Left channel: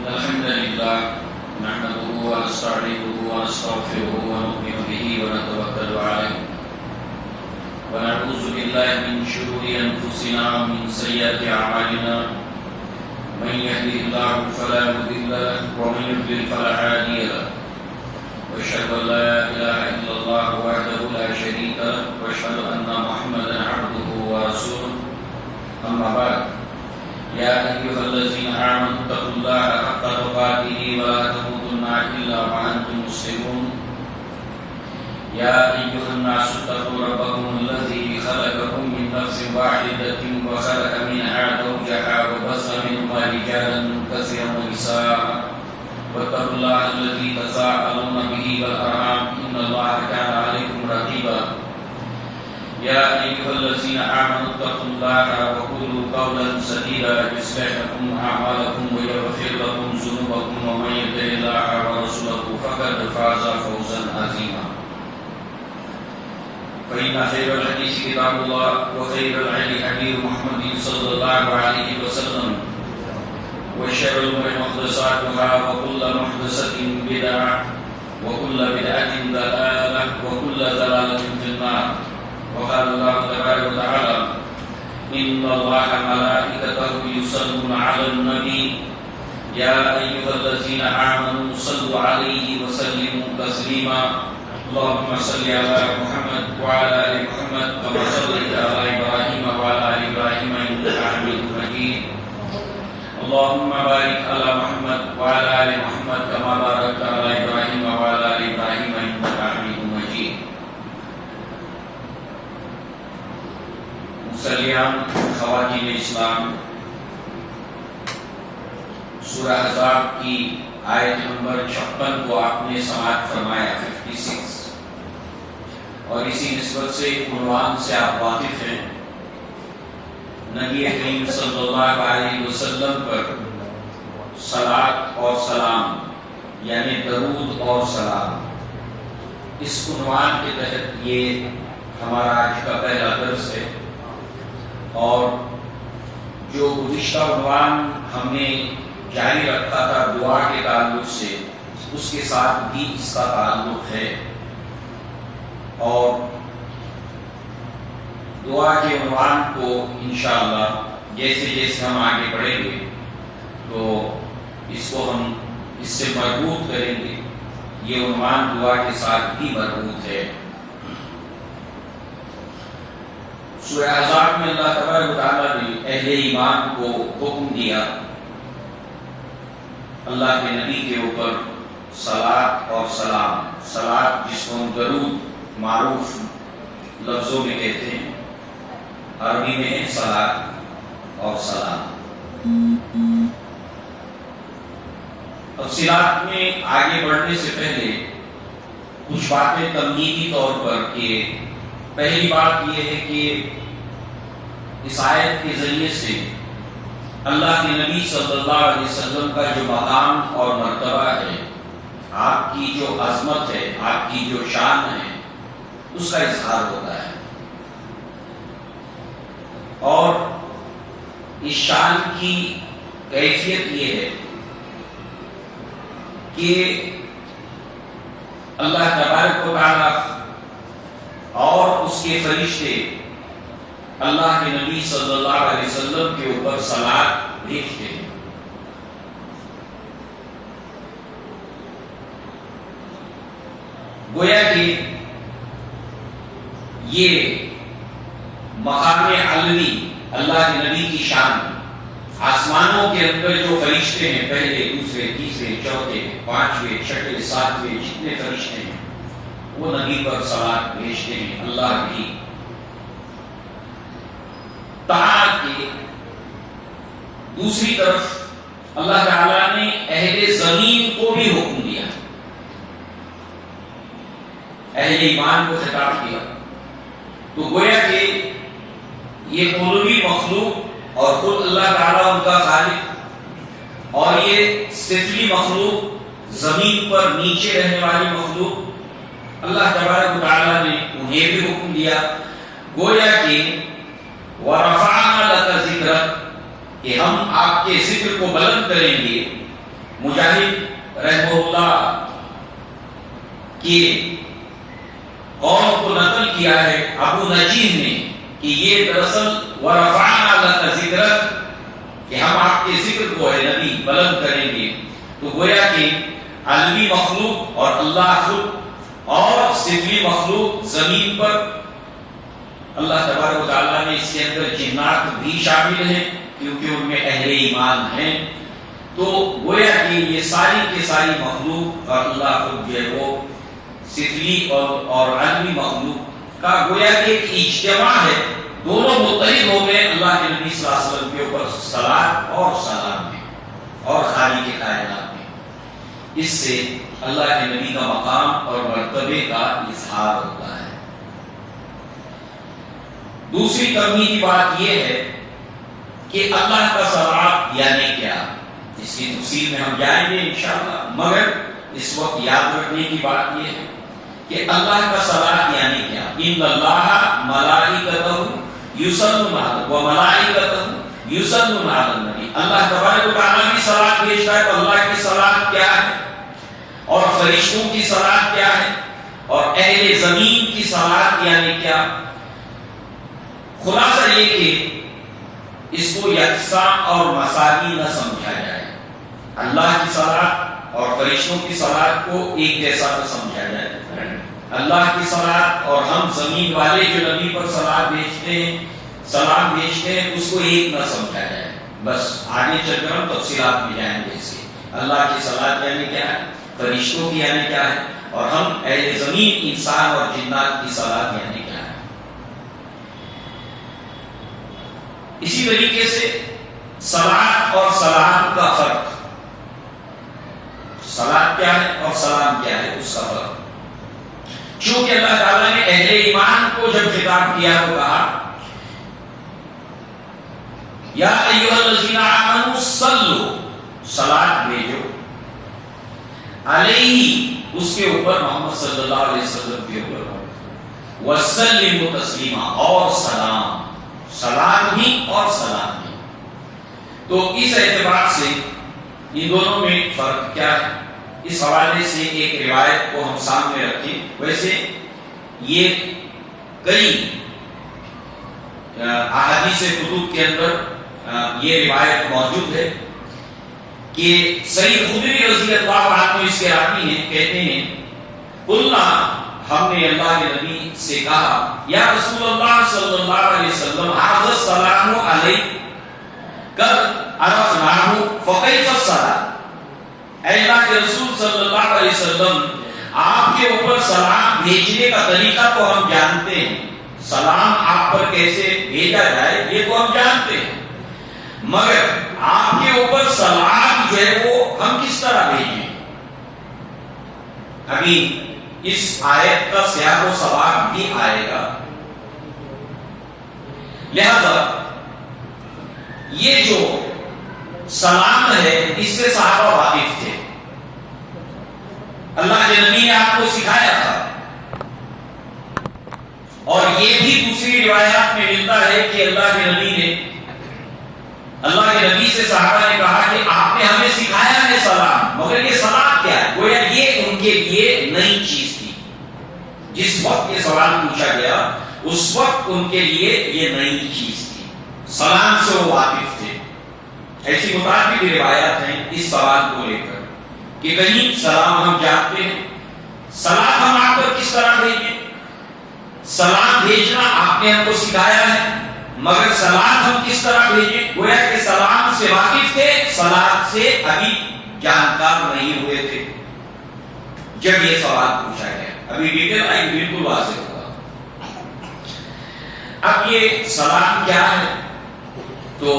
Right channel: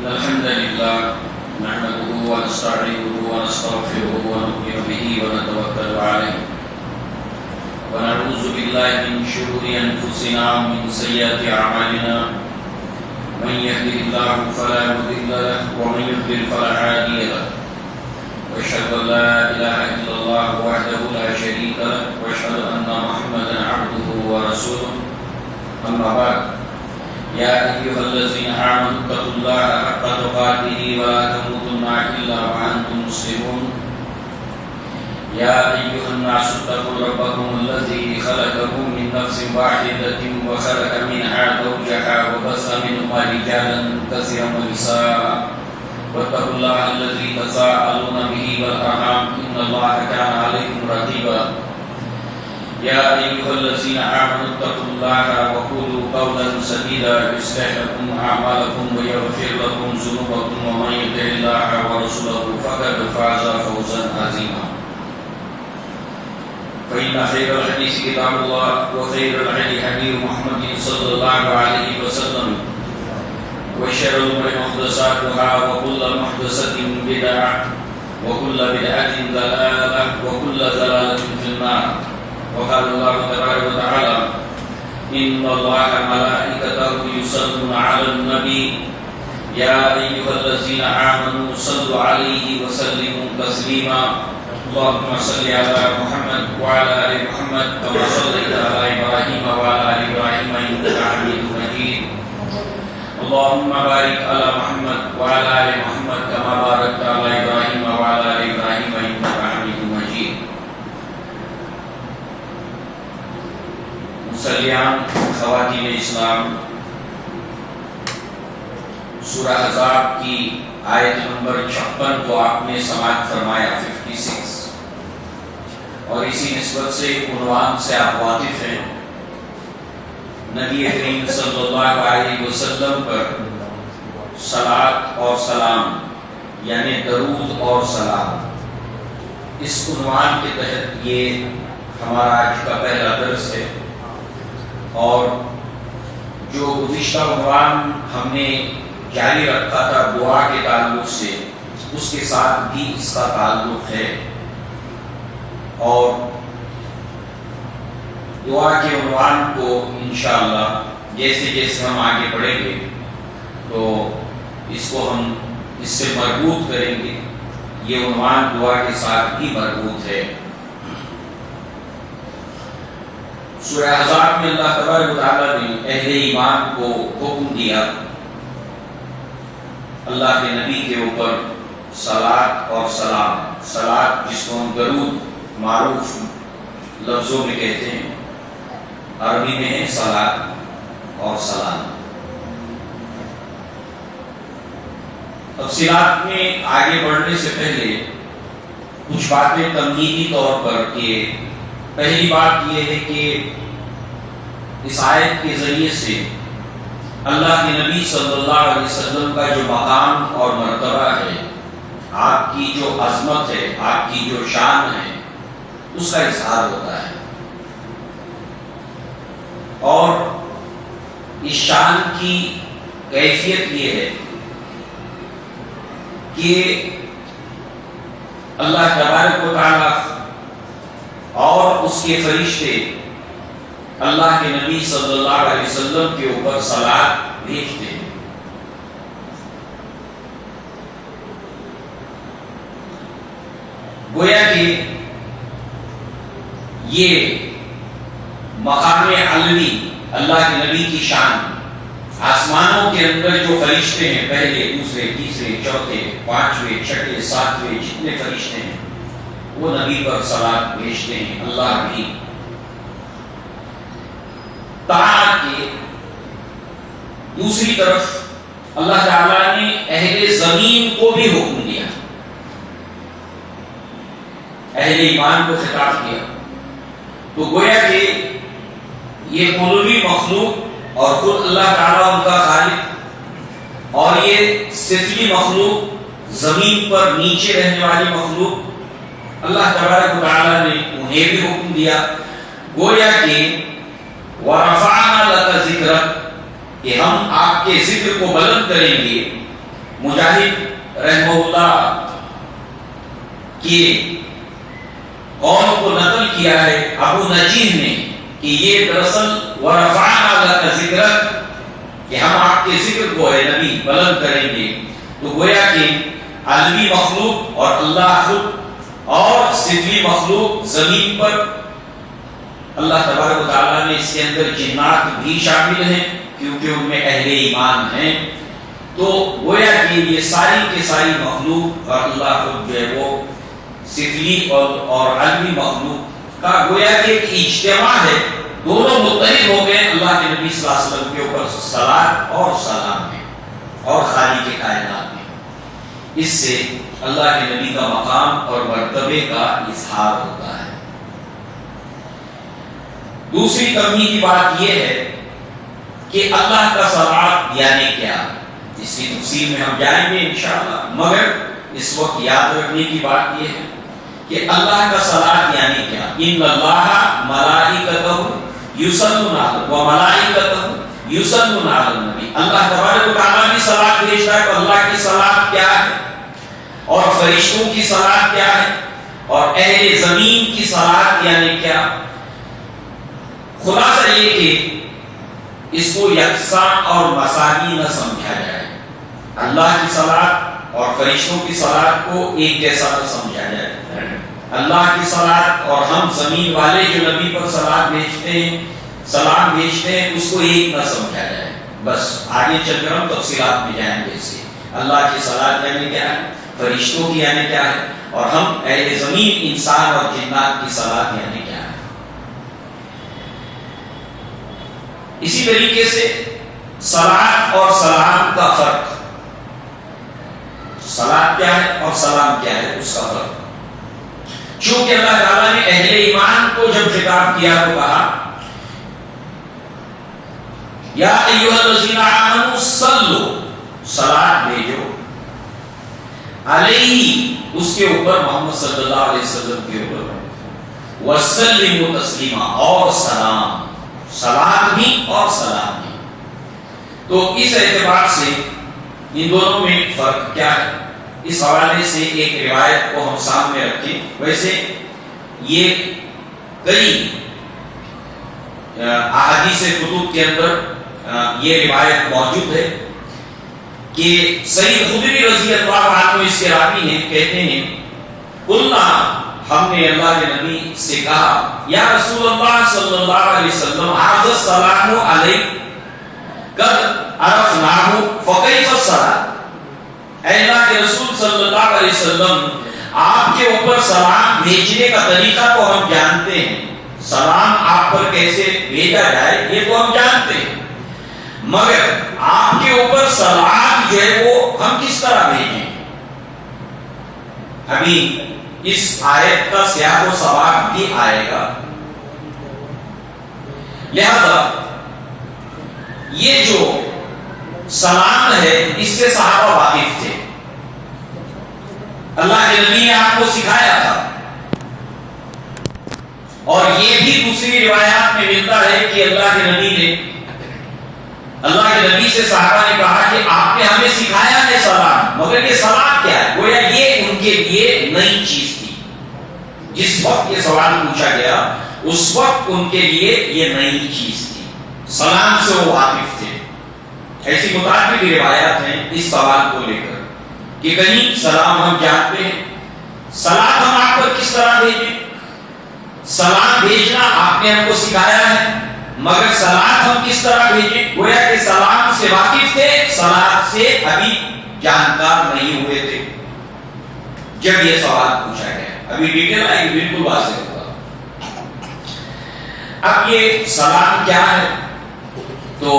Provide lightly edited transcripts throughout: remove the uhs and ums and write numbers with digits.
الحمد لله نحمده ونستعينه ونستغفره ونؤمن به ونتوكل عليه ونعوذ بالله من شرور أنفسنا ومن سيئات أعمالنا من يهده الله فلا مضل له ومن يضلل فلا هادي له وأشهد أن لا إله إلا الله وحده لا شريك له وأشهد أن محمدا عبده ورسوله أما بعد يا أيها الذين آمنوا اتقوا الله حق تقاته ولا تموتن إلا وأنتم مسلمون يا أيها الناس اتقوا ربكم الذي خلقكم من نفس واحدة وخلق منها زوجها وبث منهما رجالا كثيرا ونساء واتقوا الله الذي تساءلون به والأرحام إن الله كان عليكم رقيبا يا أيها الذين آمنوا اتقوا الله وقولوا قولا سديدا يصلح لكم أعمالكم ويغفر لكم ذنوبكم ومن يطع الله ورسوله فقد فاز فوزا عظيما فإن خير الحديث كتاب الله وخير الهدي هدي محمد صلى الله عليه وسلم وشر الأمور محدثاتها وكل محدثة بدعة وكل بدعة ضلالة وكل ضلالة في النار وقال الله تبارك وتعالى إن الله ملائكته يصلون على النبي يا أيها الذين آمنوا صلوا عليه وسلموا تسليما اللهم صل على محمد وعلى آل محمد كما صليت على إبراهيم وعلى آل إبراهيم إنك حميد مجيد اللهم بارك على محمد وعلى آل محمد كما باركت على إبراهيم وعلى آل إبراهيم إنك حميد مجيد مسلیان خواتین اسلام، سورہ احزاب کی آیت نمبر 56 کو آپ نے سماعت فرمایا 56، اور اسی نسبت سے عنوان سے آپ واقف ہیں۔ نبی کریم صلی اللہ علیہ وسلم پر صلاۃ اور سلام یعنی درود اور سلام، اس عنوان کے تحت یہ ہمارا آج کا پہلا درس ہے، اور جو گزشتہ عنوان ہم نے جاری رکھا تھا دعا کے تعلق سے، اس کے ساتھ بھی اس کا تعلق ہے، اور دعا کے عنوان کو انشاءاللہ جیسے جیسے ہم آگے بڑھیں گے تو اس کو ہم اس سے مربوط کریں گے۔ یہ عنوان دعا کے ساتھ بھی مربوط ہے۔ سورہ احزاب میں اللہ تبارک و تعالیٰ نے اہل ایمان کو حکم دیا اللہ کے نبی کے اوپر صلاۃ اور سلام، صلاۃ جس کو ہم درود معروف لفظوں میں کہتے ہیں، عربی میں ہے صلاۃ اور سلام۔ تفصیلات میں آگے بڑھنے سے پہلے کچھ باتیں تمہیدی طور پر کہ پہلی بات یہ ہے کہ اس آیت کے ذریعے سے اللہ کے نبی صلی اللہ علیہ وسلم کا جو مقام اور مرتبہ ہے، آپ کی جو عظمت ہے، آپ کی جو شان ہے، اس کا اظہار ہوتا ہے، اور اس شان کی کیفیت یہ ہے کہ اللہ تبارک و تعالیٰ اور اس کے فرشتے اللہ کے نبی صلی اللہ علیہ وسلم کے اوپر صلاۃ بھیجتے ہیں۔ گویا کہ یہ مقام علوی اللہ کے نبی کی شان، آسمانوں کے اندر جو فرشتے ہیں، پہلے، دوسرے، تیسرے، چوتھے، پانچویں، چھٹے، ساتویں، جتنے فرشتے ہیں وہ نبی پر صلاۃ بھیجتے ہیں۔ اللہ بھی تاکہ دوسری طرف اللہ تعالیٰ نے اہل زمین کو بھی حکم دیا، اہل ایمان کو خطاب کیا، تو گویا کہ یہ علوی مخلوق اور خود اللہ تعالیٰ ان کا خالق، اور یہ سفلی مخلوق، زمین پر نیچے رہنے والی مخلوق، اللہ تبارک و تعالیٰ نے انہیں بھی حکم دیا۔ گویا کہ وَرَفَعْنَا لَكَ ذِكْرَكَ، کہ ہم آپ کے ذکر کو بلند کریں گے، مجاہد رحمہ اللہ کی قول کو نقل کیا ہے ابو نجیح نے کہ یہ دراصل ورفعنا لک ذکرک، کہ ہم آپ کے ذکر کو اے نبی بلند کریں گے. تو گویا کہ عالمی مخلوق اور اللہ خود اور سفلی مخلوق زمین پر اللہ تبارک و تعالیٰ نے اس کے اندر جنات بھی شامل ہیں کیونکہ ان میں اہل ایمان ہیں. تو گویا کہ یہ ساری کی ساری مخلوق اور اللہ خود جو ہے وہ سفلی اور عالمی مخلوق کا گویا کہ ایک اجتماع ہے. دونوں متحد ہو گئے اللہ کے نبی صلی اللہ علیہ وسلم کے اوپر صلاۃ اور سلام میں اور خالق کے کائنات میں. اس سے اللہ کے نبی کا مقام اور مرتبے کا اظہار ہوتا ہے. دوسری تمہید کی بات یہ ہے کہ اللہ کا صلاۃ یعنی کیا، اس کی تفصیل میں ہم جائیں گے انشاءاللہ، مگر اس وقت یاد رکھنے کی بات یہ ہے کہ اللہ کا صلاۃ یعنی کیا. ان اللہ ملائکتہ یصلون علی و ملائکتہ یصلون علی النبی. اللہ تبارک و تعالیٰ کی صلاۃ بھیجتا ہے تو اللہ کی صلاۃ کیا ہے اور فرشتوں کی صلاۃ کیا ہے اور اہل زمین کی صلاۃ یعنی کیا. خلاصہ یہ کہ اس کو یکساں اور مساوی نہ سمجھا جائے. اللہ کی صلاۃ اور فرشتوں کی صلاۃ کو ایک جیسا نہ سمجھا جائے. اللہ کی صلاۃ اور ہم زمین والے جو نبی پر صلاۃ بھیجتے ہیں سلام بھیجتے ہیں اس کو ایک نہ سمجھا جائے. بس آگے چل کر ہم تفصیلات میں جائیں گے. اس کے اللہ کی صلاۃ یعنی کیا ہے، فرشتوں کی یعنی کیا ہے، اور ہم اہل زمین انسان اور جنات کی صلاۃ یعنی کیا ہے. اسی طریقے سے صلاۃ اور سلام کا فرق، صلاۃ کیا ہے اور سلام کیا ہے اس کا فرق. چونکہ اللہ تعالیٰ نے اہل ایمان کو جب خطاب کیا تو کہا یا ایھا الذین آمنوا صلوا، صلاۃ بھیجو، علیہ اس کے اوپر محمد صلی اللہ علیہ وسلم کے اوپر، وسلموا تسلیما اور سلام، صلاۃ بھی اور سلام بھی. تو اس اعتبار سے ان دونوں میں فرق کیا ہے، اس حوالے سے ایک روایت کو ہم سامنے رکھیں. ویسے یہ کئی احادیث کتب کے اندر یہ روایت موجود ہے کہ سید خدری رضی اللہ عنہ اس کے راوی ہیں، کہتے ہیں قلنا، ہم نے اللہ کے نبی سے کہا یا رسول اللہ صلی اللہ علیہ وسلم ھذا السلام علیک قد عرفناہ فکیف الصلاۃ. اے اللہ کے رسول صلی اللہ علیہ وسلم آپ کے اوپر سلام بھیجنے کا طریقہ تو ہم جانتے ہیں، سلام آپ پر کیسے بھیجا جائے یہ تو ہم جانتے ہیں، مگر آپ کے اوپر سلام جو ہے وہ ہم کس طرح بھیجیں. ابھی اس آیت کا سیاق و سباق بھی آئے گا. لہذا یہ جو سلام ہے اس سے صحابہ واقف تھے، اللہ کے نبی نے آپ کو سکھایا تھا. اور یہ بھی دوسری روایات میں ملتا ہے کہ اللہ کے نبی سے صحابہ نے کہا کہ آپ نے ہمیں سکھایا ہے سلام، مگر یہ سلام کیا ہے. گویا یہ ان کے لیے نئی چیز تھی. جس وقت یہ سوال پوچھا گیا اس وقت ان کے لیے یہ نئی چیز تھی، سلام سے وہ واقف تھے. ایسی متعدد روایات ہیں اس سوال کو لے کر کہ کہیں سلام ہم جانتے ہیں، سلام ہم آپ پر کس طرح بھیجیں، سلام بھیجنا آپ نے ہم کو سکھایا ہے مگر سلام ہم کس طرح بھیجیں. گویا کہ سلام سے واقف تھے، سلام سے ابھی جانکار نہیں ہوئے تھے جب یہ سوال پوچھا گیا. ابھی ڈیٹیل آئے گی، بالکل واضح ہوگا. اب یہ سلام کیا ہے، تو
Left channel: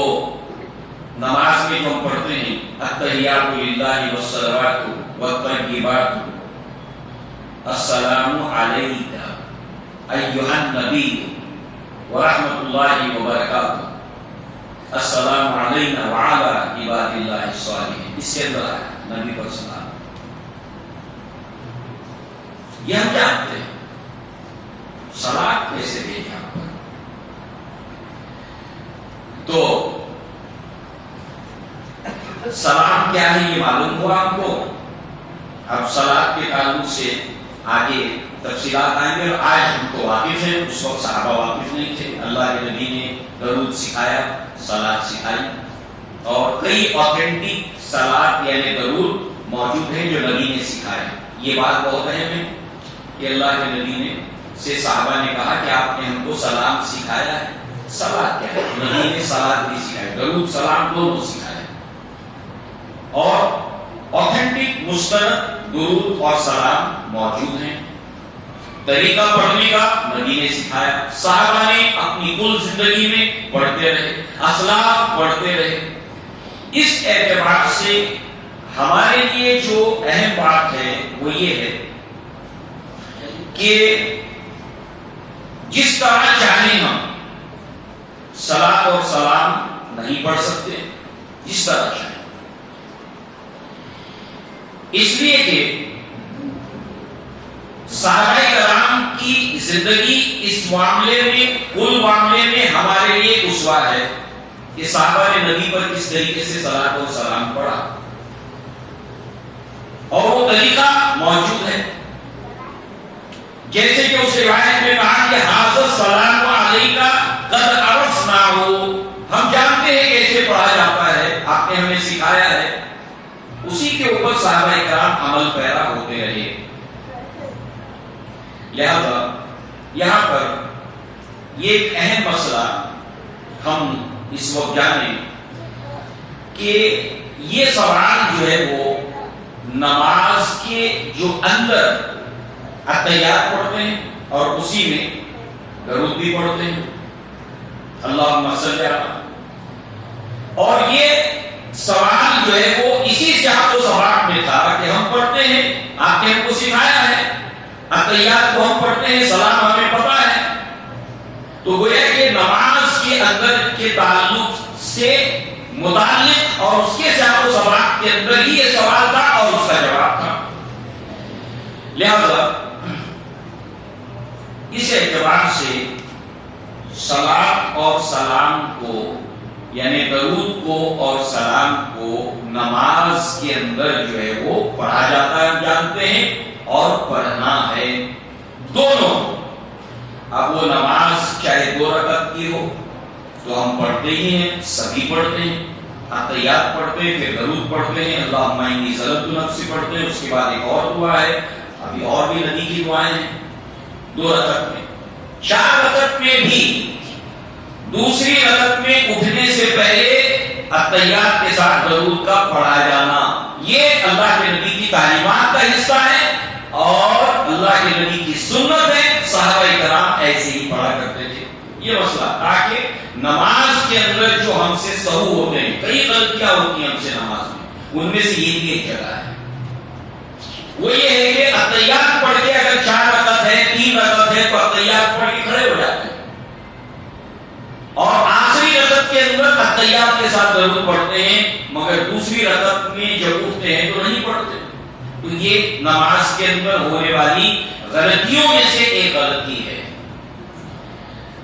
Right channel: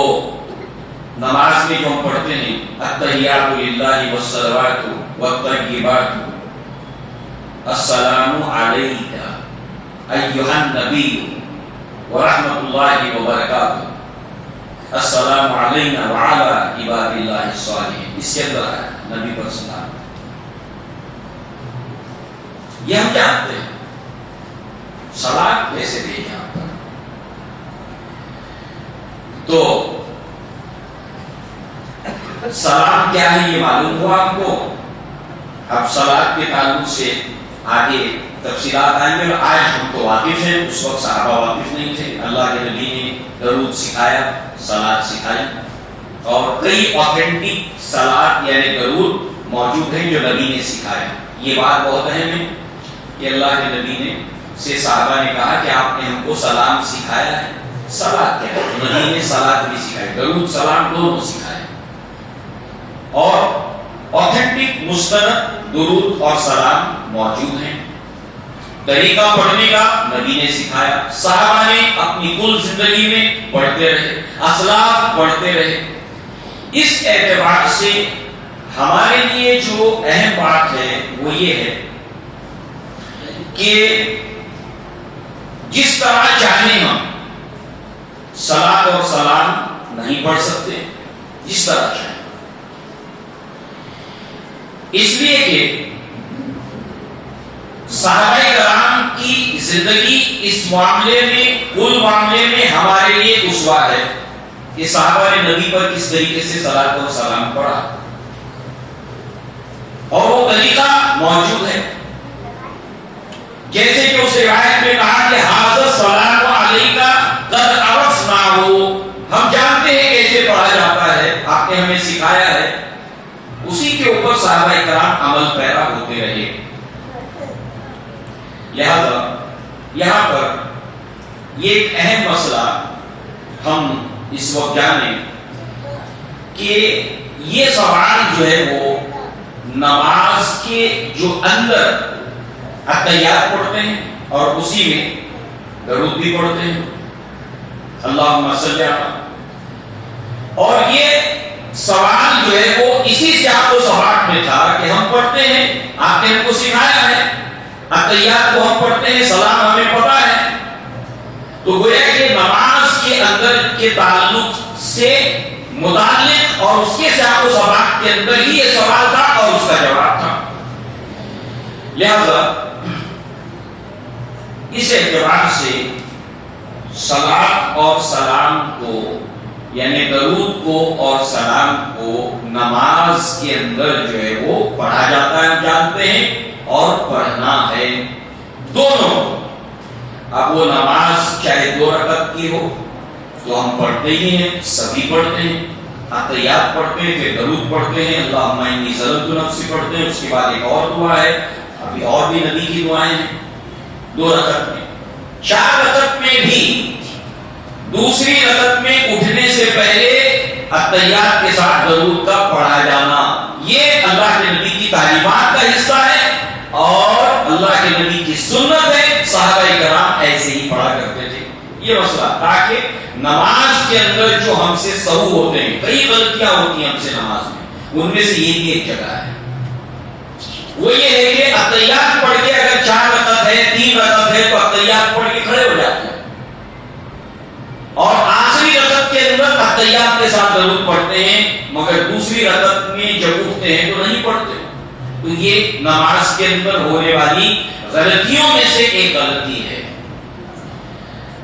نماز میں جو ہم پڑھتے ہیں التحیات للہ والصلوات والطیبات السلام علیک ایھا النبی ورحمۃ اللہ وبرکاتہ، السلام علینا وعلی عباد اللہ الصالحین. اس کے اندر ہے نبی پر سلام. یہ ہم جانتے ہیں سلام کیسے بھیجا. تو سلام کیا ہے یہ معلوم ہوا ہم کو؟ اب صلاۃ کے تعلق سے آگے تفصیلات آئیں گے، اور آج ہم تو واقف ہیں، اس وقت صحابہ واقف نہیں تھے۔ اللہ کے نبی نے درود سکھایا، صلاۃ سکھائی، اور کئی آتھینٹک صلاۃ یعنی درود موجود ہیں جو نبی نے سکھایا۔ یہ بات بہت اہم ہے کہ اللہ کے نبی نے سے صحابہ نے کہا کہ آپ نے ہم کو سلام سکھایا ہے۔ صلاۃ کیا ہے؟ نبی نے صلاۃ بھی سکھائی، درود سلام دونوں سکھائے، اور آتھینٹک مستند درود اور سلام موجود ہیں۔ طریقہ پڑھنے کا نبی نے سکھایا، صحابہ نے اپنی کل زندگی میں پڑھتے رہے، اسلاف پڑھتے رہے۔ اس اعتبار سے ہمارے لیے جو اہم بات ہے وہ یہ ہے کہ جس طرح چاہیں ہم صلاۃ اور سلام نہیں پڑھ سکتے، جس طرح چاہیں، اس لیے کہ صحابہ کرام کی زندگی اس معاملے میں، کل معاملے میں ہمارے لیے اسوہ ہے کہ صحابہ نے نبی پر کس طریقے سے صلاۃ اور سلام پڑھا، اور وہ طریقہ موجود ہے۔ جیسے کہ اس روایت میں کہا کہ حاضر سلام علیکہ قد عرفناہ، ہم جانتے ہیں کیسے پڑھا جاتا ہے، آپ نے ہمیں سکھایا ہے۔ اسی کے اوپر صحابہ کرام عمل پیرا ہوتے رہے۔ لہذا یہاں پر یہ ایک اہم مسئلہ ہم اس وقت جانیں کہ یہ سوال جو ہے وہ نماز کے جو اندر اتحیات پڑھتے ہیں اور اسی میں درود بھی پڑھتے ہیں، اللہم صلی علی، اور یہ سوال جو ہے وہ اسی سے آپ کو سوال میں تھا کہ ہم پڑھتے ہیں، آپ نے ہم کو سکھایا ہے، اتحیات کو ہم پڑھتے ہیں، سلام ہمیں پتا ہے، تو گویا کہ نماز کے اندر کے تعلق سے متعلق اور اس کے سے آپ کو سوال کے اندر ہی یہ سوال تھا اور اس کا جواب تھا۔ لہذا اس اعتبار سے صلاۃ اور سلام کو یعنی درود کو اور سلام کو نماز کے اندر جو ہے وہ پڑھا جاتا ہے، جانتے ہیں، اور پڑھنا ہے دونوں۔ اب وہ نماز چاہے 2 رکعت کی ہو تو ہم پڑھتے ہی ہیں، سبھی پڑھتے ہیں، اتحیات پڑھتے ہیں، پھر درود پڑھتے ہیں، اللہم انی ظلمت نفسی پڑھتے ہیں، اس کے بعد ایک اور دعا ہے، ابھی اور بھی نبی کی دعائیں ہیں 2 رکعت میں۔ 4 رکعت میں بھی دوسری رکعت میں اٹھنے سے پہلے اتحیات کے ساتھ درود کا پڑھا جانا، یہ اللہ کے نبی کی تعلیمات کا حصہ ہے اور اللہ کے نبی کی سنت ہے۔ صحابہ کرام ایسے ہی پڑھا کرتے تھے۔ یہ مسئلہ تاکہ نماز کے اندر جو ہم سے سہو ہوتے ہیں، کئی غلطیاں ہوتی ہیں ہم سے نماز میں، ان میں سے یہ بھی ایک جگہ ہے، وہ یہ ہے کہ اتحیات پڑھ کے اگر 4 رکعت ہے، 3 رکعت ہے، تو اتحیات پڑھ کے کھڑے ہو جاتے ہیں، اور آخری رکعت کے اندر اتحیات کے ساتھ درود پڑھتے ہیں، مگر دوسری رکعت میں جب اٹھتے ہیں تو نہیں پڑھتے۔ تو یہ نماز کے اندر ہونے والی غلطیوں میں سے ایک غلطی ہے۔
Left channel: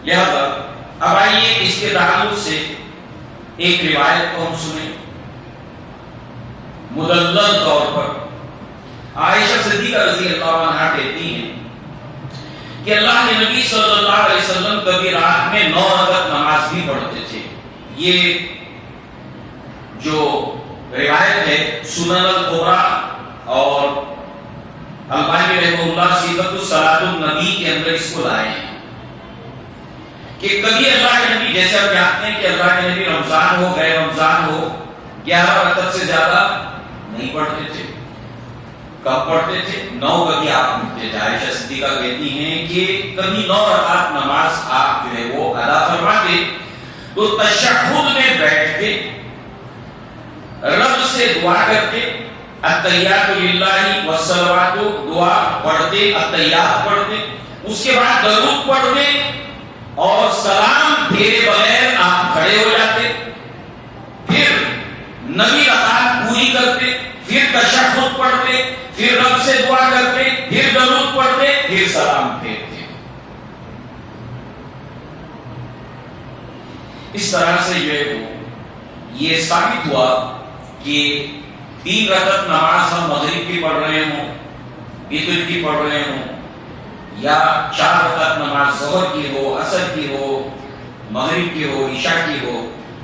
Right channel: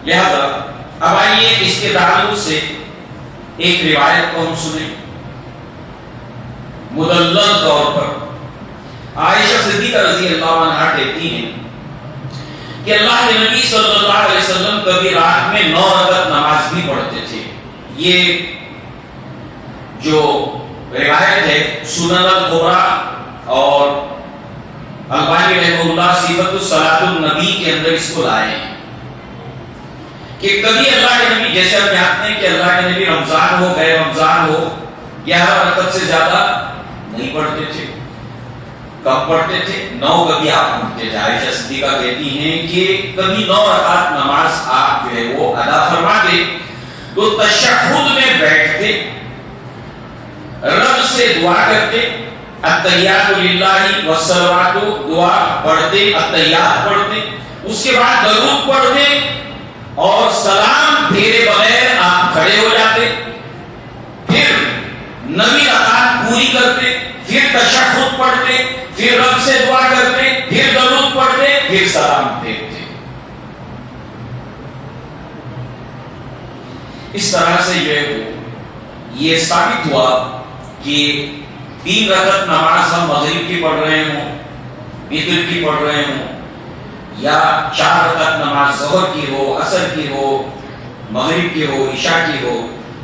لہذا اب آئیے اس کے تعلق سے ایک روایت کو ہم سنیں۔ مدلل طور پر عائشہ صدیقہ رضی اللہ عنہا کہتی ہیں کہ اللہ کے نبی صلی اللہ علیہ وسلم کبھی رات میں 9 رکعت نماز بھی پڑھتے تھے۔ یہ جو روایت ہے سنن الکبریٰ اور البانی رحمہ اللہ صفت الصلاۃ النبی کے اندر اس کو لائے ہیں کہ کبھی اللہ کے نبی، جیسے ہم جانتے ہیں کہ اللہ کے نبی رمضان ہو غیر رمضان ہو 11 رکعت سے زیادہ نہیں پڑھتے تھے۔ کب پڑھتے تھے؟ 9 کبھی آپ پڑھتے تھے۔ عائشہ صدیقہ کہتی ہیں کہ کبھی 9 رکعت نماز آپ جو ہے وہ ادا فرماتے تو تشہد میں بیٹھ کے رب سے دعا کرتے، التحیات للہ والصلوات دعا پڑھتے، التحیات پڑھتے، اس کے بعد درود پڑھتے اور سلام پھیرے بغیر آپ کھڑے ہو جاتے، پھر 9 رکعت پوری کرتے، پھر تشہد پڑھتے، پھر رب سے دعا کرتے، پھر درود پڑھتے، پھر سلام پھیرتے۔ اس طرح سے یہ ثابت ہوا کہ 3 رکعت نماز ہم مغرب کی پڑھ رہے ہوں، وتر کی پڑھ رہے ہوں، یا 4 رکعت نماز ظہر کی ہو، عصر کی ہو، مغرب کی ہو، عشاء کی ہو،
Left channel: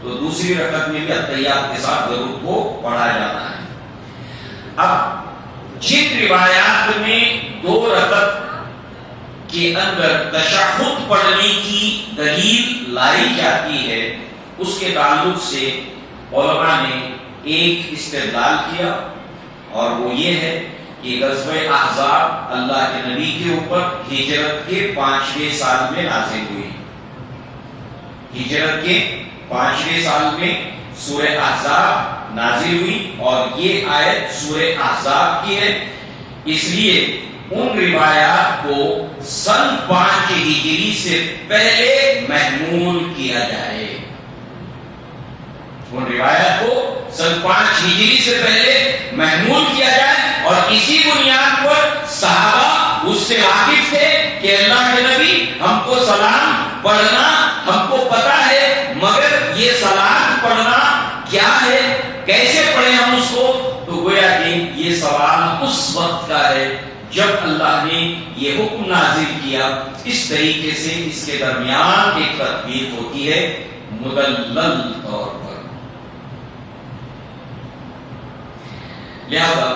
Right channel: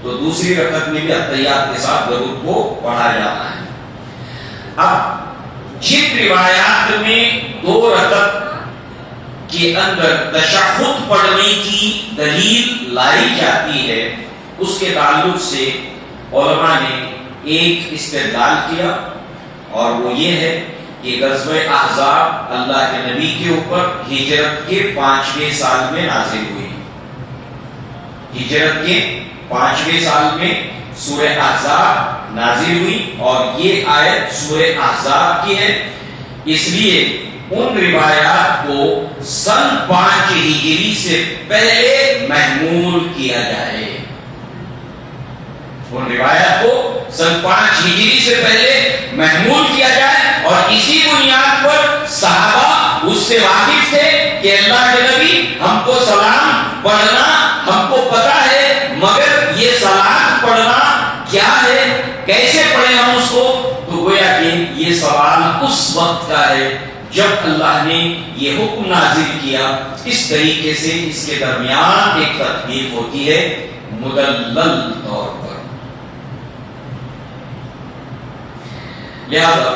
تو دوسری رکعت میں بھی اتحیات کے ساتھ درود کو پڑھا جاتا ہے۔ اب جن روایات میں 2 رکعت کے اندر تشہد پڑھنے کی دلیل لائی جاتی ہے، اس کے تعلق سے علماء نے ایک استدلال کیا، اور وہ یہ ہے کہ غزوہ احزاب اللہ کے نبی کے اوپر ہجرت کے 5ویں سال میں نازل ہوئی۔ ہجرت کے 5ویں سال میں سورہ احزاب نازل ہوئی، اور یہ آیت سورہ احزاب کی ہے، اس لیے ان روایات کو سن 5 ہجری سے پہلے محمول کیا جائے۔ ان روایات کو سن 5 ہجری سے پہلے محمول کیا جائے، اور اسی بنیاد پر صحابہ اس سے واقف تھے کہ اللہ کے نبی ہم کو سلام پڑھنا ہم کو پتا ہے، مگر یہ سلام پڑھنا کیا ہے، کیسے پڑھیں ہم اس کو؟ تو گویا کہ یہ سوال اس وقت کا ہے جب اللہ نے یہ حکم نازل کیا۔ اس طریقے سے اس کے درمیان ایک تطبیق ہوتی ہے مدلل طور پر۔ لہذا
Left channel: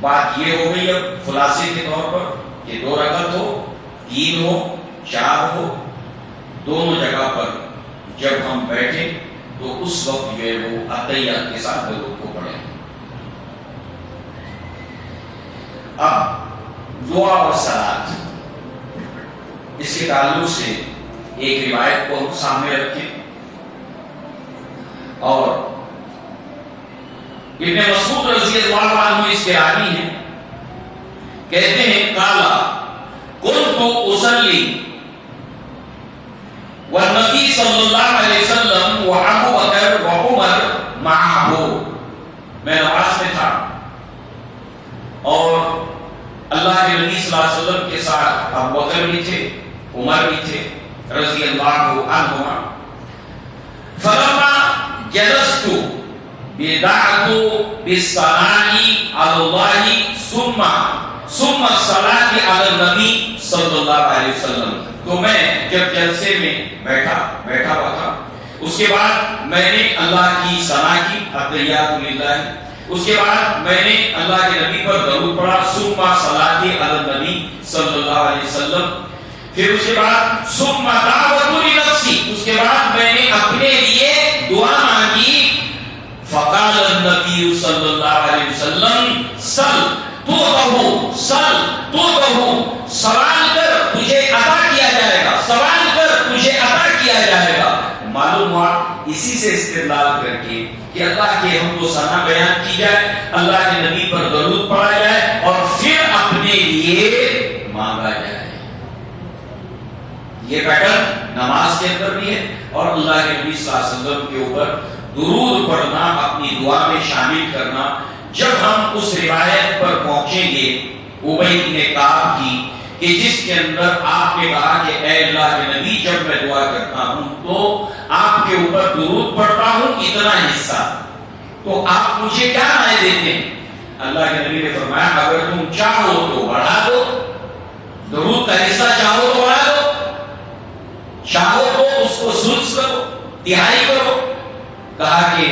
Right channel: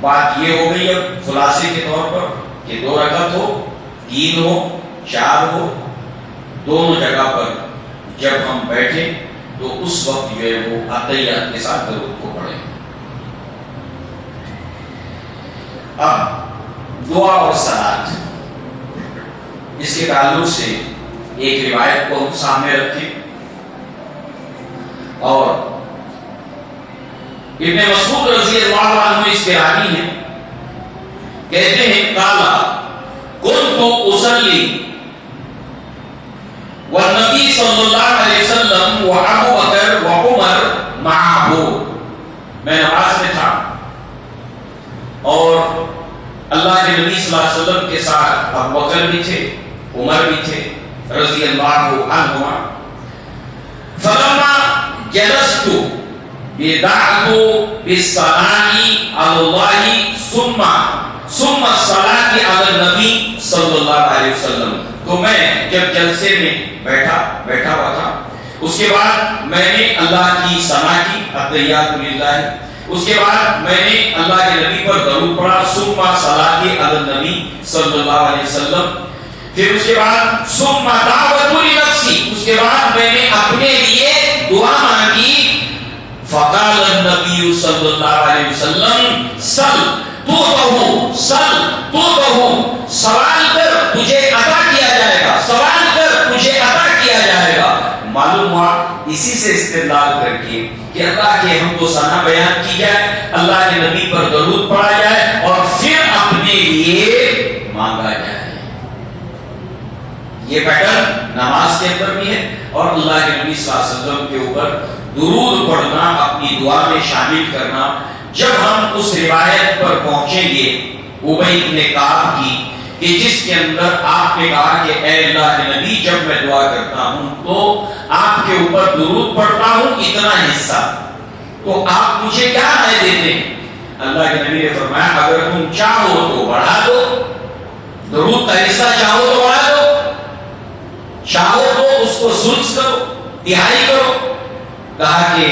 بات یہ ہو گئی اب خلاصے کے طور پر کہ 2 رکعت ہو، 3 ہو، 4 ہو، دونوں جگہ پر جب ہم بیٹھیں تو اس وقت جو ہے وہ اتحیات کے ساتھ درود کو پڑھیں۔ اب دعا اور صلاۃ، اس کے تعلق سے ایک روایت کو ہم سامنے رکھیں، اور ابن مسعود رضی اللہ عنہ اس کے راوی ہیں، کہتے ہیں قالا كنت اصلی والنبی صلی اللہ علیہ وسلم وابو بکر وعمر معه، میں نماز میں تھا اور اللہ کے نبی صلی اللہ علیہ وسلم کے ساتھ ابو بکر بھی تھے، عمر بھی تھے رضی اللہ عنہما۔ فلما جلست بدعت بالصلاة على الله ثم الصلاة على النبی صلی اللہ علیہ وسلم، تو میں جب جلسے میں بیٹھا ہوا تھا، اس کے بعد میں نے اللہ کی ثنا کی، التحیات للہ، اس کے بعد میں نے اللہ کے نبی پر درود پڑھا، ثم صلاۃ علی النبی صلی اللہ علیہ وسلم، پھر اس کے بعد ثم دعوت لنفسی، اس کے بعد میں نے اپنے لیے دعا مانگی، فقال النبی صلی اللہ علیہ وسلم سل تو سوال کر تجھے عطا کیا جائے گا، سوال کر تجھے عطا کیا جائے گا۔ معلوم ہوا اسی سے استدلال کر کے کہ اللہ کے حمد و ثنا بیان کی جائے، اللہ کے نبی پر درود پڑھا جائے، اور پھر اپنے لیے مانگا جائے۔ یہ پیٹرن نماز کے اندر بھی ہے، اور اللہ کے نبی صلی اللہ علیہ وسلم کے اوپر درود پڑھنا، اپنی دعا میں شامل کرنا۔ جب ہم اس روایت پر پہنچیں گے ابی بن کعب کی، کہ جس کے اندر آپ نے کہا کہ اے اللہ کے نبی جب میں دعا کرتا ہوں تو آپ کے اوپر درود پڑھتا ہوں اتنا حصہ، تو آپ مجھے کیا رائے دیتے ہیں؟ اللہ کے نبی نے فرمایا اگر تم چاہو تو بڑھا دو، درود کا حصہ چاہو تو بڑھا دو، چاہو تو اس کو ثلث کرو، تہائی کرو، کہا کہ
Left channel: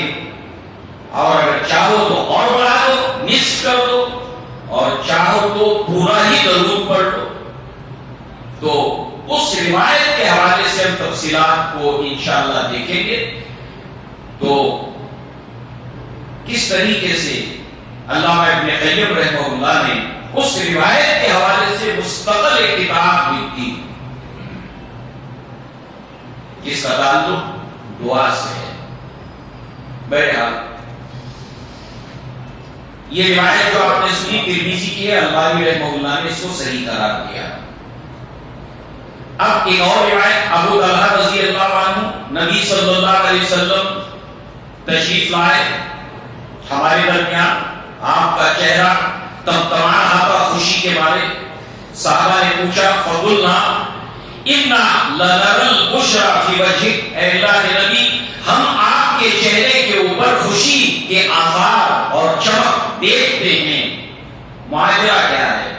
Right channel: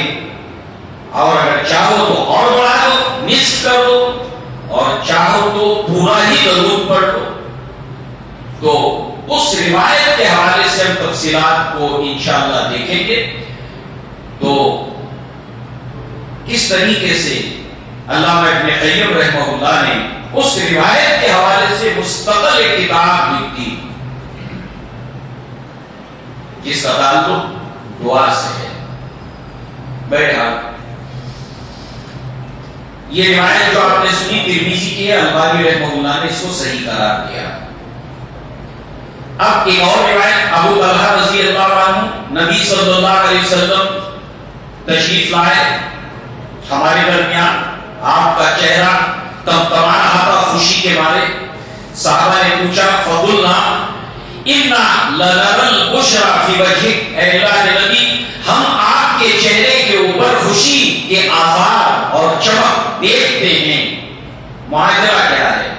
اور اگر چاہو تو اور بڑھا دو، نصف کر دو، اور چاہو تو پورا ہی درود پڑھ لو۔ تو اس روایت کے حوالے سے ہم تفصیلات کو انشاءاللہ دیکھیں گے، تو کس طریقے سے علامہ ابن قیم رحمہ اللہ نے اس روایت کے حوالے سے مستقل ایک کتاب لکھی جس کا تعلق دعا سے ہے۔ بیٹھا یہ روایت جو آپ نے سنی ترمذی کی ہے، البانی رحمہ اللہ نے اس کو صحیح قرار دیا۔ اب ایک اور روایت ابو طلحہ رضی اللہ عنہ، نبی صلی اللہ علیہ وسلم تشریف لائے ہمارے درمیان، آپ کا چہرہ تمتما رہا تھا خوشی کے مارے۔ صحابہ نے پوچھا فقلنا انا لنرى البشرى في وجهك، اے اللہ کے نبی ہم آپ آپ کے چہرے کے اوپر خوشی کے آثار اور چمک دیکھتے ہیں، معاجرہ کیا ہے؟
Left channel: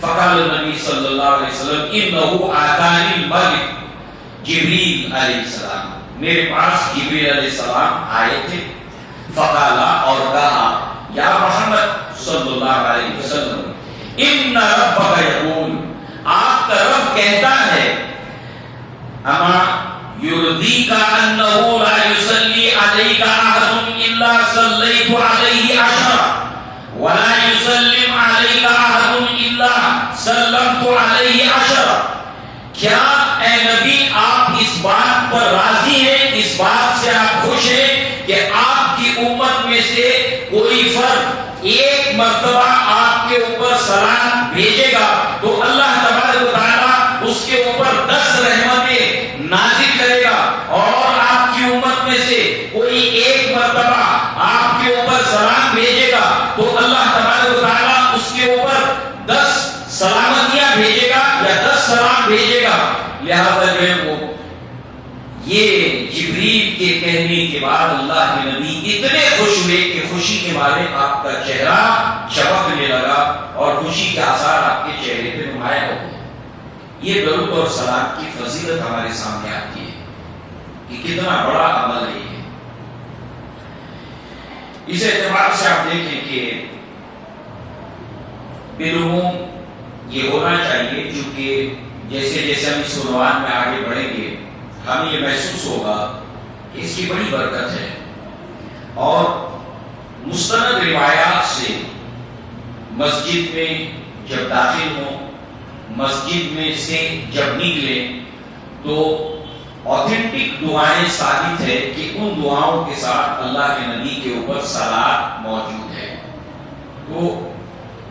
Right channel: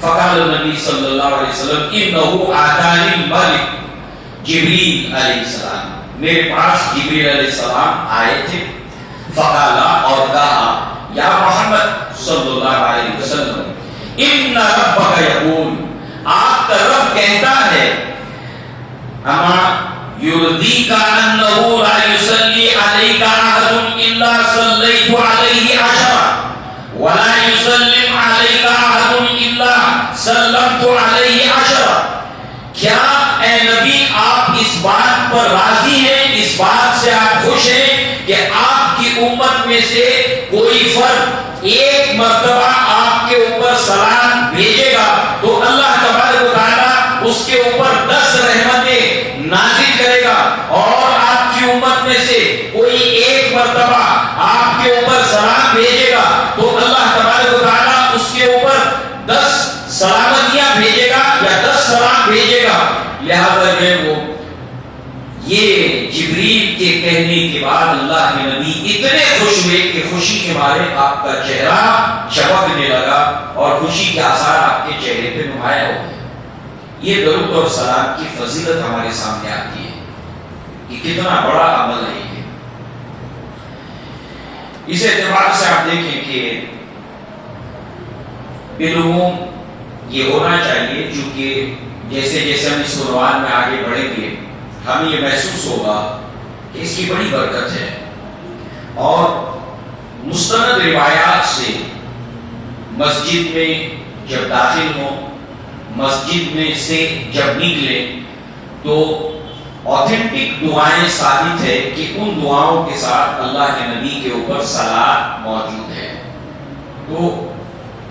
فقال النبی صلی اللہ علیہ وسلم انہو آتانی الملک جبریل علیہ السلام، میرے پاس جبریل علیہ السلام آئے تھے، فقالا اور کہا یا محمد صلی اللہ علیہ وسلم ان ربک یقول، آپ کا رب کہتا ہے اما یرضیک انہ لا یصلی علیک احد الا صلیت علیہ عشرا ولا یسلم علیک احد الا سلمت علیہ عشرا، کیا اے نبی آپ اس بات پر راضی ہیں، اس بات سے آپ خوش ہیں کہ آپ کی امت میں سے کوئی فرد ایک مرتبہ آپ کے اوپر سلام بھیجے گا تو اللہ تبارک و تعالیٰ اس کے اوپر 10 رحمتیں نازل کرے گا، اور آپ کی امت میں سے کوئی ایک مرتبہ آپ کے اوپر سلام بھیجے گا تو اللہ تبارک و تعالیٰ اس کے اوپر 10 سلامتیاں بھیجے گا یا 10 سلام بھیجے گا۔ لہذا وہ یہ جبریل کے کہنے کے بعد اللہ کے نبی اتنے خوش ہوئے کہ خوشی کے مارے آپ کا چہرہ چمکنے لگا اور خوشی کے آثار آپ کے چہرے پہ نمایاں ہو گئے۔ یہ درود اور سلام کی فضیلت ہمارے سامنے آتی ہے کہ کتنا بڑا عمل ہے یہ۔ اس اعتبار سے آپ دیکھیں کہ بالعموم یہ ہونا چاہیے، چونکہ جیسے جیسے ہم اس عنوان میں آگے بڑھیں گے ہمیں یہ محسوس ہوگا کہ اس کی بڑی برکت ہے، اور مستند روایات سے مسجد میں جب داخل ہوں، مسجد میں سے جب نکلے تو اوتھینٹک دعائیں ثابت ہے کہ ان دعاؤں کے ساتھ اللہ کے نبی کے اوپر صلاۃ موجود ہے۔ تو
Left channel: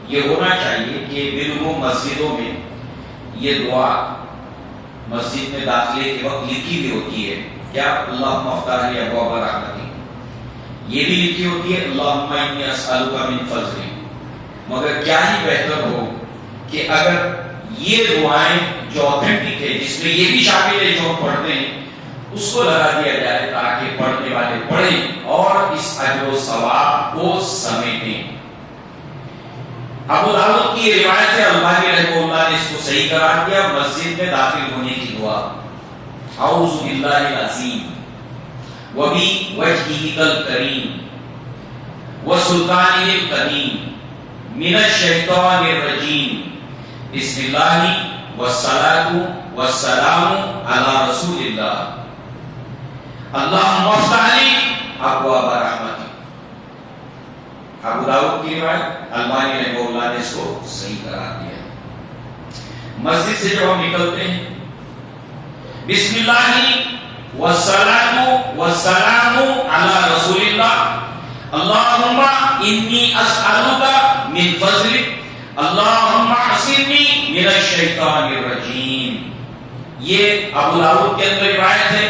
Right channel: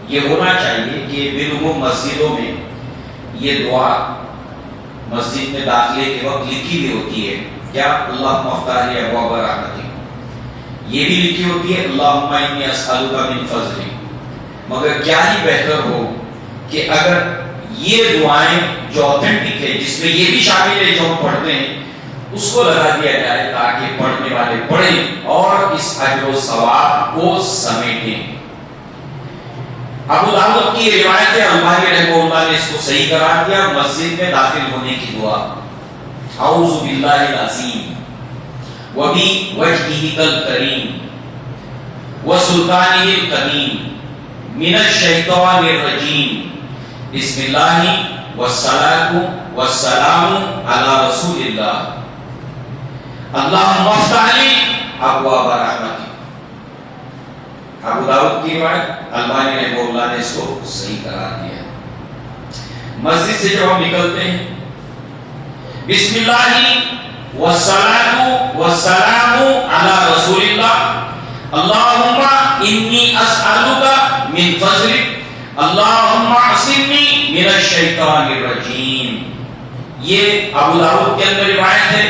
یہ ہونا چاہیے کہ بالعموم مسجدوں میں یہ دعا مسجد میں داخلے کے وقت لکھی بھی ہوتی ہے، کیا اللہم افتح لی ابواب رحمتک، یہ بھی لکھی ہوتی ہے اللہم انی اسألک من فضلک، مگر کیا ہی بہتر ہو کہ اگر یہ دعائیں جو اوتھینٹک ہے، جس میں یہ بھی شامل ہے جو ہم پڑھتے ہیں، اس کو لگا دیا جائے تاکہ پڑھنے والے پڑھیں اور اس اجر و ثواب کو سمیٹیں۔ ابو داؤد کی روایت ہے، البانی رحمہ اللہ نے اس کو صحیح قرار دیا، مسجد میں داخل ہونے کی دعا اعوذ باللہ العظیم وبوجہہ الکریم وسلطانہ القدیم من الشیطان الرجیم بسم اللہ والصلاۃ والسلام علی رسول اللہ اللہم افتح لی ابواب رحمتک۔ ابو داؤد کی روایت، البانی رحمہ اللہ نے اس کو صحیح قرار دیا۔ مسجد سے جب ہم نکلتے ہیں بسم اللہ والصلاۃ والسلام علی رسول اللہ اللہم انی اسألک من فضلک اللہم اعصمنی من الشیطان الرجیم۔ یہ ابو داؤد کے اندر روایت ہے،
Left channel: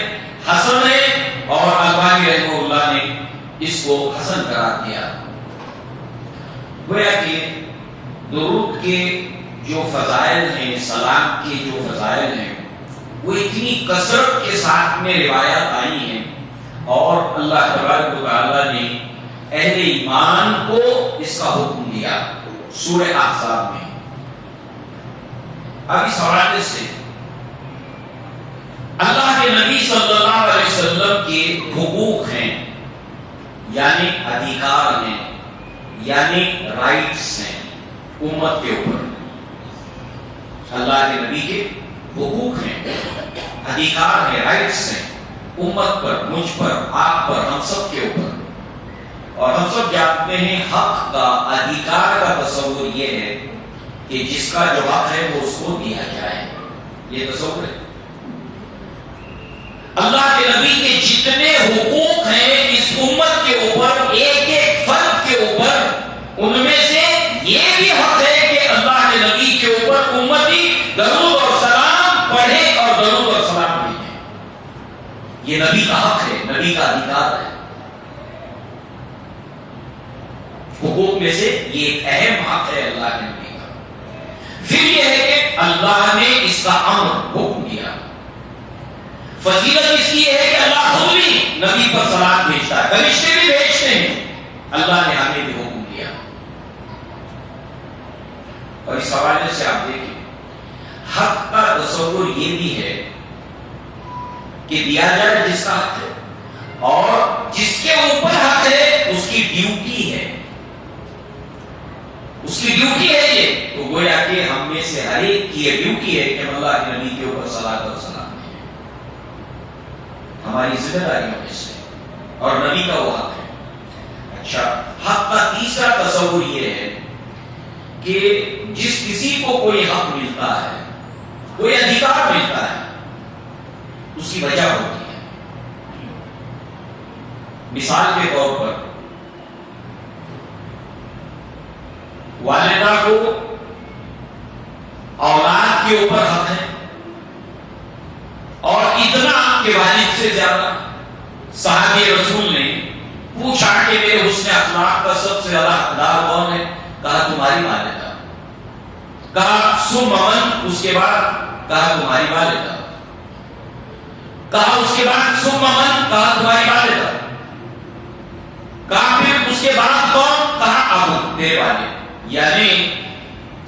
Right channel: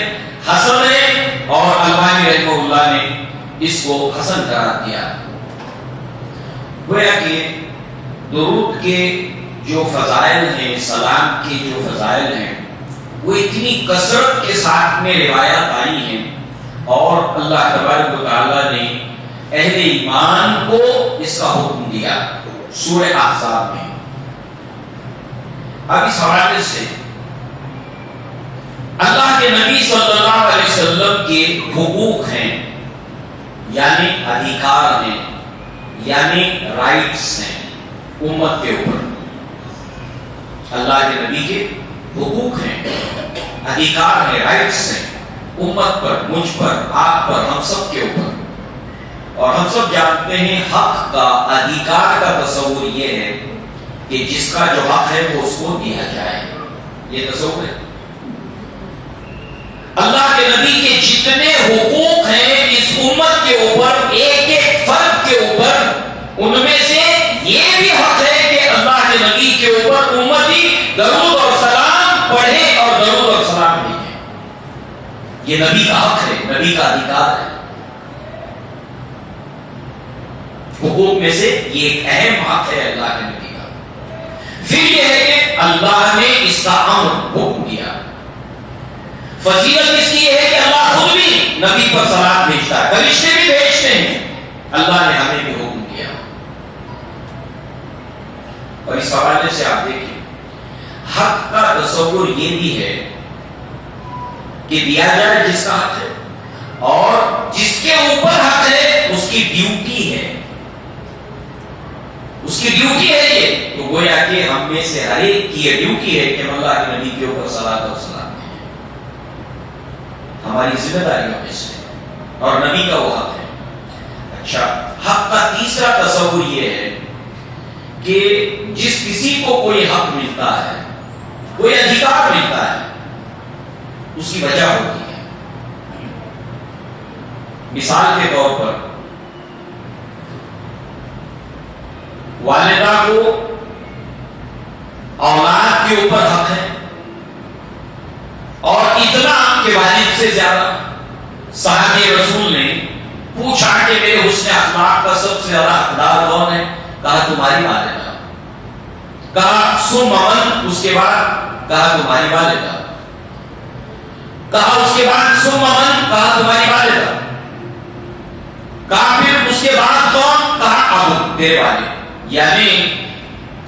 حسن ہے، اور البانی رحمہ اللہ نے اس کو حسن قرار دیا۔ گویا کہ درود کے جو فضائل ہیں، سلام کے جو فضائل ہیں، وہ اتنی کثرت کے ساتھ میں روایات آئی ہیں، اور اللہ تبارک و تعالیٰ نے اہل ایمان کو اس کا حکم دیا سورہ احزاب میں۔ اب اس حوالے سے اللہ کے نبی صلی اللہ علیہ وسلم کے حقوق ہیں، یعنی ادھیکار ہیں، یعنی رائٹس ہیں امت کے اوپر۔ اللہ کے نبی کے حقوق ہیں، ادھیکار ہیں، رائٹس ہیں امت پر، مجھ پر، آپ پر، ہم سب کے اوپر۔ اور ہم سب جانتے ہیں حق کا، ادھیکار کا تصور یہ ہے کہ جس کا جو حق ہے وہ اس کو دیا جائے، یہ تصور ہے۔ اللہ کے نبی کے جتنے حقوق ہیں اس امت کے اوپر، ایک ایک فرد کے اوپر، ان میں سے یہ بھی حق ہے کہ اللہ کے نبی کے اوپر امتی درود اور سلام پڑھے اور درود اور سلام بھیجے۔ یہ نبی کا حق ہے، نبی کا ادھیکار ہے۔ حقوق میں سے یہ ایک اہم حق ہے اللہ کے نبی کا۔ پھر یہ ہے کہ اللہ نے اس کا امر حکم دیا۔ فضیلت اس کی ہے کہ اللہ خود بھی نبی پر صلات بھیجتا ہے، فرشتے بھی بھیجتے ہیں، اللہ نے ہمیں بھی حکم دیا۔ اور اس حوالے سے آپ دیکھیں حق کا تصور یہ بھی ہے کہ دیا جائے جس کا حق ہے، اور جس کے اوپر حق ہے اس کی ڈیوٹی ہے، اس کی ڈیوٹی ہے یہ، تو گویا کہ ہم میں سے ہر ایک کی یہ ڈیوٹی ہے کہ اللہ کے نبی کے اوپر صلاۃ و سلام دیں، ہماری ذمہ داریوں میں سے، اور نبی کا وہ حق ہے۔ اچھا، حق کا تیسرا تصور یہ ہے کہ جس کسی کو کوئی حق ملتا ہے، کوئی ادھیکار ملتا ہے، اس کی وجہ ہوتی ہے۔ مثال کے طور پر والدہ کو اولاد کے اوپر حق ہے، اور اتنا کہ والد سے زیادہ۔ صحابی رسول نے پوچھا کہ میرے حسن اخلاق کا سب سے زیادہ حقدار کون ہے؟ کہا تمہاری والدہ۔ کہا ثم من، اس کے بعد کہا تمہاری والدہ۔ کہا اس کے بعد ثم من، کہا تمہاری والدہ۔ کہا پھر اس کے بعد کون؟ کہا ابو، تیرے والد۔ یعنی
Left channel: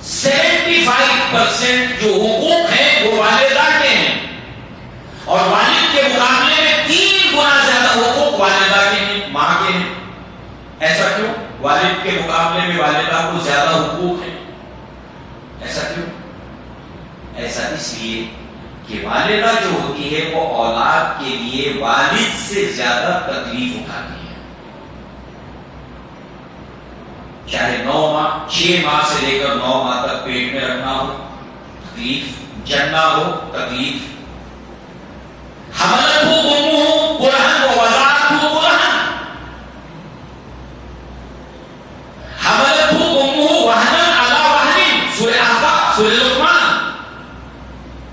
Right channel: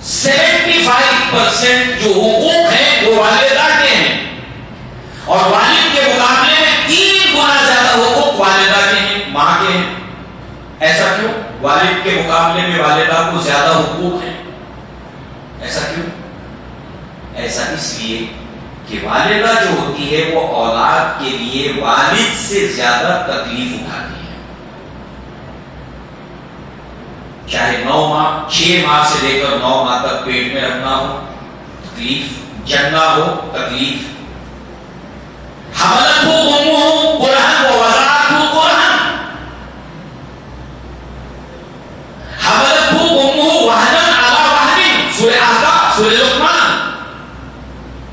75% جو حقوق ہیں وہ والدہ کے ہیں، اور والد کے مقابلے میں 3 گنا زیادہ حقوق والدہ کے ہیں، ماں کے ہیں۔ ایسا کیوں؟ والد کے مقابلے میں والدہ کو زیادہ حقوق ہیں، ایسا کیوں؟ ایسا اس لیے کہ والدہ جو ہوتی ہے وہ اولاد کے لیے والد سے زیادہ تکلیف اٹھاتی ہے، چاہے 9 ماہ 6 ماہ سے لے کر 9 ماہ تک پیٹ میں رکھنا ہو تکلیف، جننا ہو تکلیف، حملتہ امہ کرہن ووضعتہ کرہن، حملتہ امہ وہنا علی وہن، سورہ احقاف، سورہ لقمان۔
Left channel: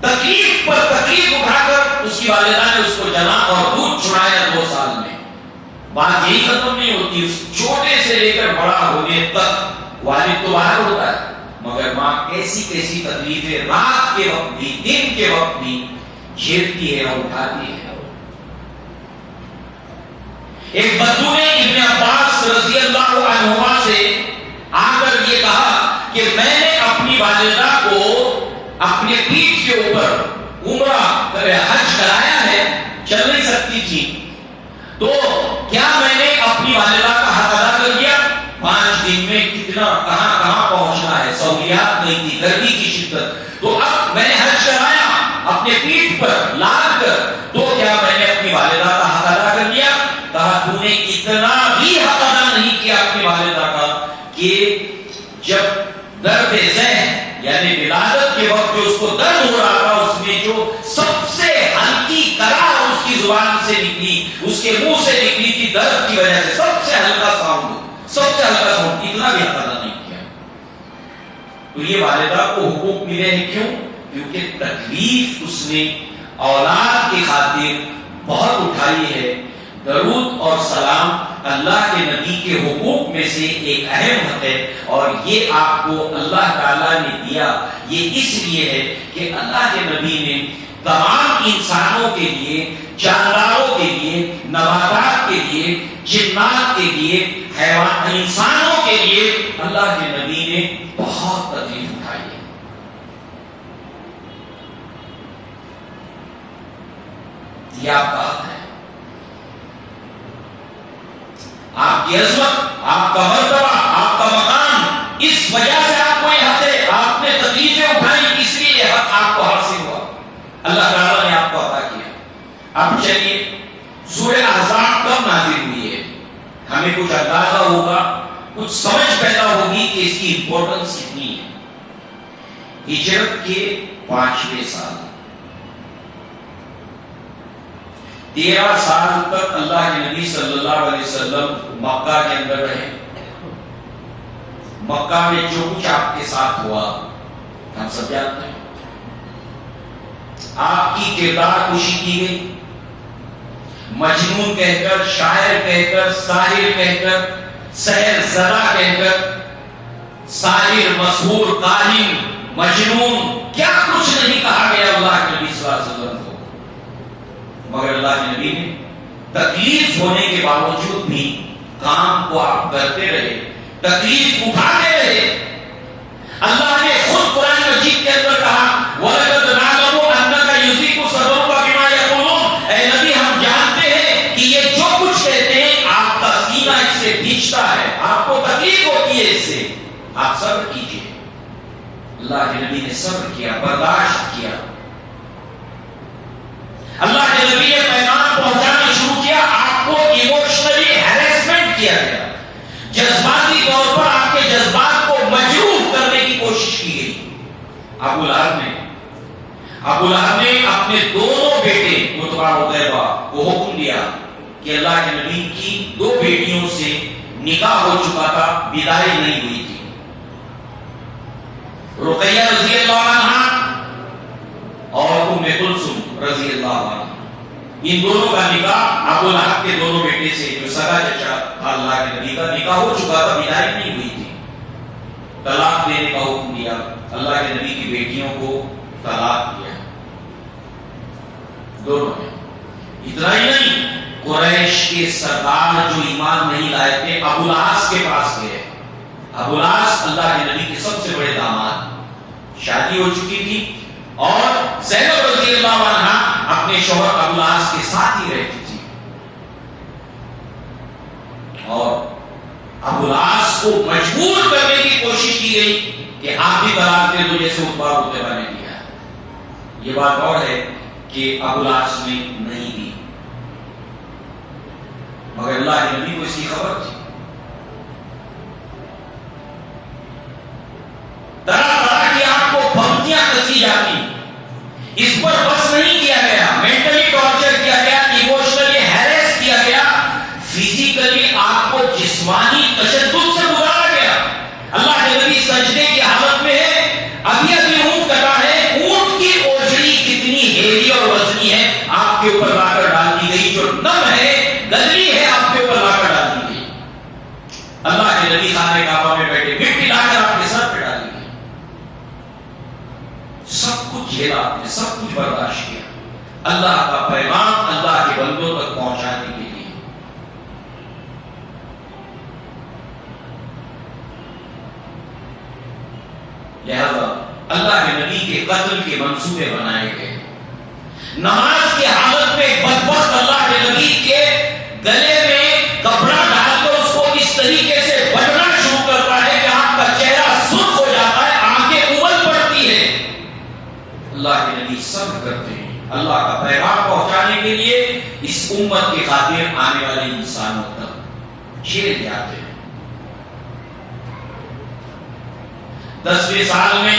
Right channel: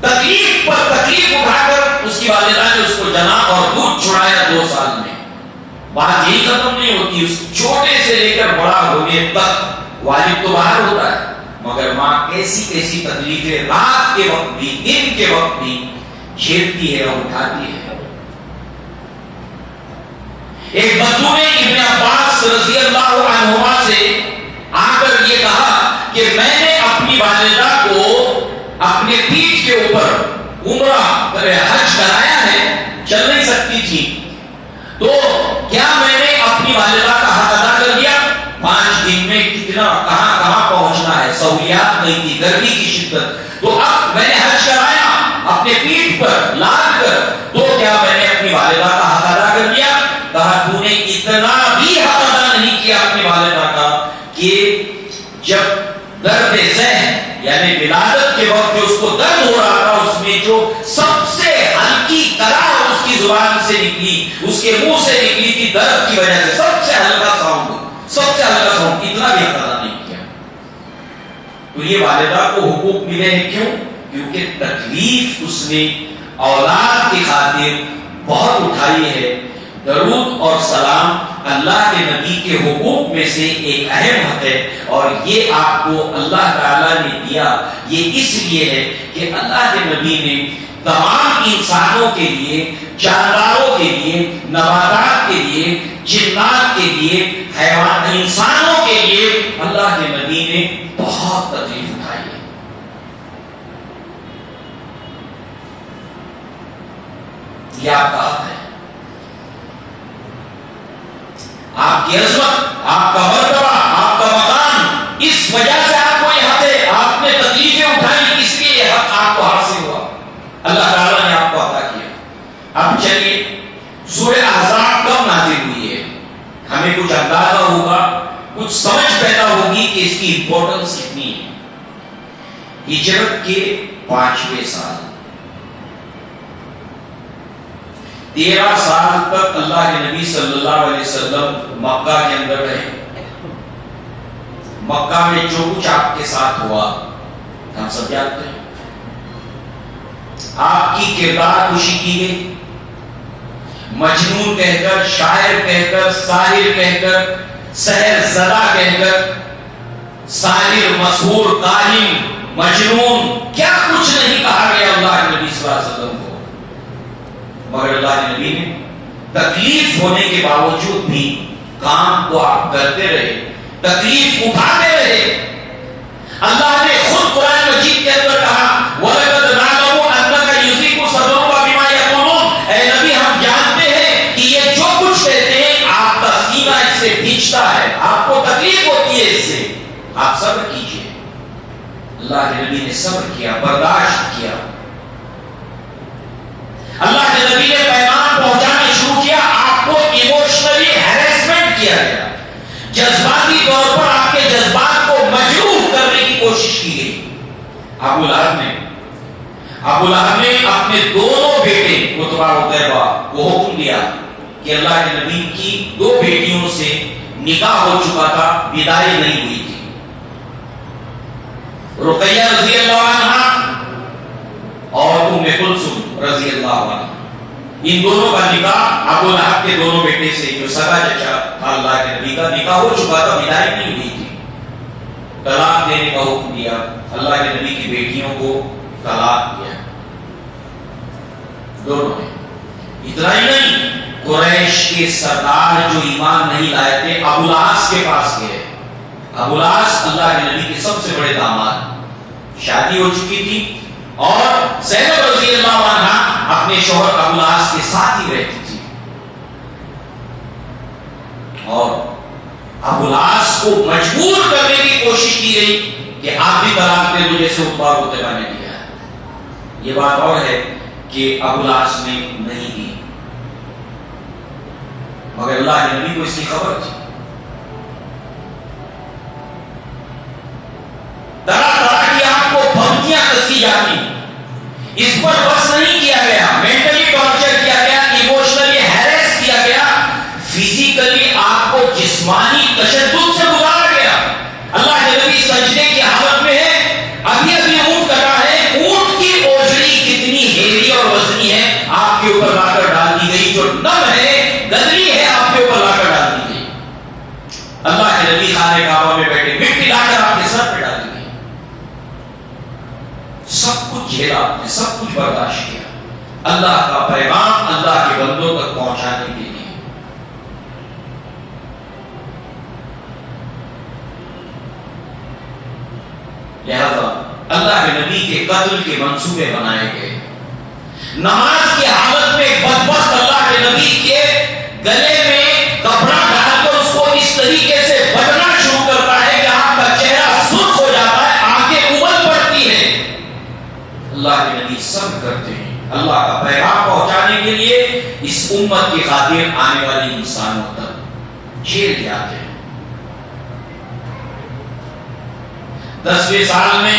تکلیف پر تکلیف اٹھا کر اس کی والدہ نے اس کو جنا اور دودھ چھڑایا 2 سال میں۔ بات یہی ختم نہیں ہوتی، اس چھوٹے سے لے کر بڑا ہونے تک والد تو باہر ہوتا ہے، مگر ماں کیسی کیسی تکلیفیں رات کے وقت بھی دن کے وقت بھی جھیلتی ہے اور اٹھاتی ہے۔ ایک بدو نے ابن عباس رضی اللہ عنہما سے آ کر یہ کہا کہ میں نے اپنی والدہ کو اپنے پیٹھ کے اوپر عمرہ حج کرایا ہے، چل نہیں سکتی تھی، تو کیا میں نے اپنی والدہ کا حق ادا کر دیا؟ 5 دن میں کتنا کہاں کہاں پہنچنا ہے، سہولیات نہیں تھی، گرمی کی شدت، تو اب میں نے حج کرایا اپنے پیٹھ پر لاد کر، تو کیا میں نے اپنی والدہ کا حق ادا کر دیا؟ کہا تو نے اتنا بھی حق ادا نہیں کیا اپنی والدہ کا کہ جب درد ذہن یعنی ولادت کے وقت جو اس کو درد ہو رہا تھا، اس میں جو سب سے ہلکی کراہ اس کی زبان سے نکلی، اس کے منہ سے نکلی تھی درد کی وجہ سے، سب سے ہلکا ساؤنڈ، سب سے ہلکا ساؤنڈ، اتنا بھی حق ادا نہیں کیا۔ تو یہ والدہ کو حقوق ملے ہیں، کیوں؟ کیونکہ تکلیف اس نے اولاد کی خاطر بہت اٹھائی ہے۔ درود اور سلام اللہ کے نبی کے حقوق میں سے ایک اہم حق ہے، اور یہ آپ کو اللہ تعالیٰ نے دیا یہ اس لیے ہے کہ اللہ کے نبی نے تمام انسانوں کے لیے، جانداروں کے لیے، نباتات کے لیے، جنات کے لیے، حیوان انسانوں کے لیے اللہ کے نبی نے بہت تکلیف اٹھائی ہے۔ یہ آپ کا حق ہے، آپ کی عظمت، آپ کا مرتبہ، آپ کا مقام، اس وجہ سے آپ کو یہ حق ہے، آپ نے تکلیفیں اٹھائی، اس لیے یہ حق آپ کو حاصل ہوا، اللہ تعالیٰ نے آپ کو عطا کیا۔ اب چلیے سورہ احزاب کب نازل ہوئی ہے، ہمیں کچھ اندازہ ہوگا، کچھ سمجھ پیدا ہوگی کہ اس کی امپورٹنس کتنی ہے۔ ہجرت کے 5ویں سال، 13 سال تک اللہ کے نبی صلی اللہ علیہ وسلم مکہ کے اندر رہے۔ مکہ میں جو کچھ آپ کے ساتھ ہوا ہم سب جانتے ہیں، آپ کی کردار کشی کی گئی، مجنون کہہ کر، شاعر کہہ کر، ساحر کہہ کر، سحر زدہ کہہ کر، ساحر، مسحور، کاہن، مجنون، کیا کچھ نہیں کہا گیا اللہ کے نبی صلی اللہ علیہ وسلم کو، مگر اللہ کے نبی نے تکلیف ہونے کے باوجود بھی کام کو آپ کرتے رہے، تکلیف اٹھاتے رہے۔ اللہ نے خود قرآن مجید کے اندر کہا وَلَقَدْ نَعْلَمُ أَنَّكَ يُضِيقُ صَدْرُكَ بِمَا يَقُولُونَ، اے نبی ہم جانتے ہیں کہ یہ جو کچھ کہتے ہیں آپ کا سینہ اس سے بھیجتا ہے، آپ کو تکلیف ہوتی ہے اس سے، آپ صبر کیجئے۔ اللہ کے نبی نے صبر کیا، برداشت کیا۔ اللہ کے نبی نے پیغام پہنچانا شروع کیا، آپ کو ایموشنلی ہیرسمنٹ کیا گیا، جذباتی طور پر آپ کے جذبات کو مجروح کرنے کی کوشش کی گئی۔ ابو لہب نے اپنے دونوں بیٹے عتبہ عتیبہ کو حکم دیا کہ اللہ کے نبی کی 2 بیٹیوں سے نکاح ہو چکا تھا، بدائی نہیں ہوئی تھی، رقیہ رضی اللہ عنہ اور ام کلثوم رضی اللہ عنہ، ان دونوں کا نکاح ابو لہب کے دونوں بیٹے سے، جو سگا چچا تھا اللہ کے نبی کا، نکاح ہو چکا تھا، بدائی نہیں ہوئی تھی۔ طلاق دینے کا حکم دیا، اللہ کے نبی کی بیٹیوں کو طلاق دیا دونوں نے۔ اتنا ہی نہیں، قریش کے سردار جو ایمان نہیں لائے تھے ابو العاص کے پاس گئے۔ ابو العاص اللہ کے نبی کے سب سے بڑے داماد، شادی ہو چکی تھی اور زینب رضی اللہ عنہ اپنے شوہر ابو العاص کے ساتھ ہی رہتی تھی، اور ابو العاص کو مجبور کرنے کی کوشش کی گئی کہ آپ بھی طلاق دے دو جیسے عتبہ عتیبہ نے دیا۔ یہ بات اور ہے کہ ابو العاص نے نہیں دی، مگر اللہ کے نبی کو اس کی خبر تھی۔ طرح طرح کی آپ کو دھمکیاں کسی جاتی، اس پر بس نہیں کیا گیا، مینٹلی ٹارچر کیا گیا، ایموشنلی ہیریس کیا گیا، فزیکلی آپ کو جسمانی تشدد سے گزارا گیا۔ اللہ کے نبی سجدے کی حالت میں ہے، ابھی اونٹ کٹا ہے، اونٹ کی اوجڑی کتنی ہیوی اور وزنی ہے، آپ کے اوپر لا کر ڈال دی گئی، جو نم ہے گدری ہے آپ کے اوپر لا کر ڈال دی گئی۔ اللہ کے نبی خانے کعبہ میں بیٹھے، مٹی لا کر آپ کے سر پہ ڈالی گئی، سب کچھ جھیلا آپ نے، سب کچھ برداشت کیا، اللہ کا پیغام اللہ کے بندوں تک پہنچانے کے لیے۔ لہذا اللہ کے نبی کے قتل کے منصوبے بنائے گئے۔ نماز کی حالت میں بدبخت اللہ کے نبی کے گلے میں کپڑا ڈال کر اس کو اس طریقے سے بٹنا شروع کرتا ہے کہ آپ کا چہرہ سرخ ہو جاتا ہے، آنکھیں ابل پڑتی ہیں۔ اللہ کے نبی صبر کرتے ہیں، اللہ کا پیغام پہنچانے کے لیے اس امت کی خاطر آنے والی انسانوں تک جھیل جاتے ہیں۔ 10ویں سال میں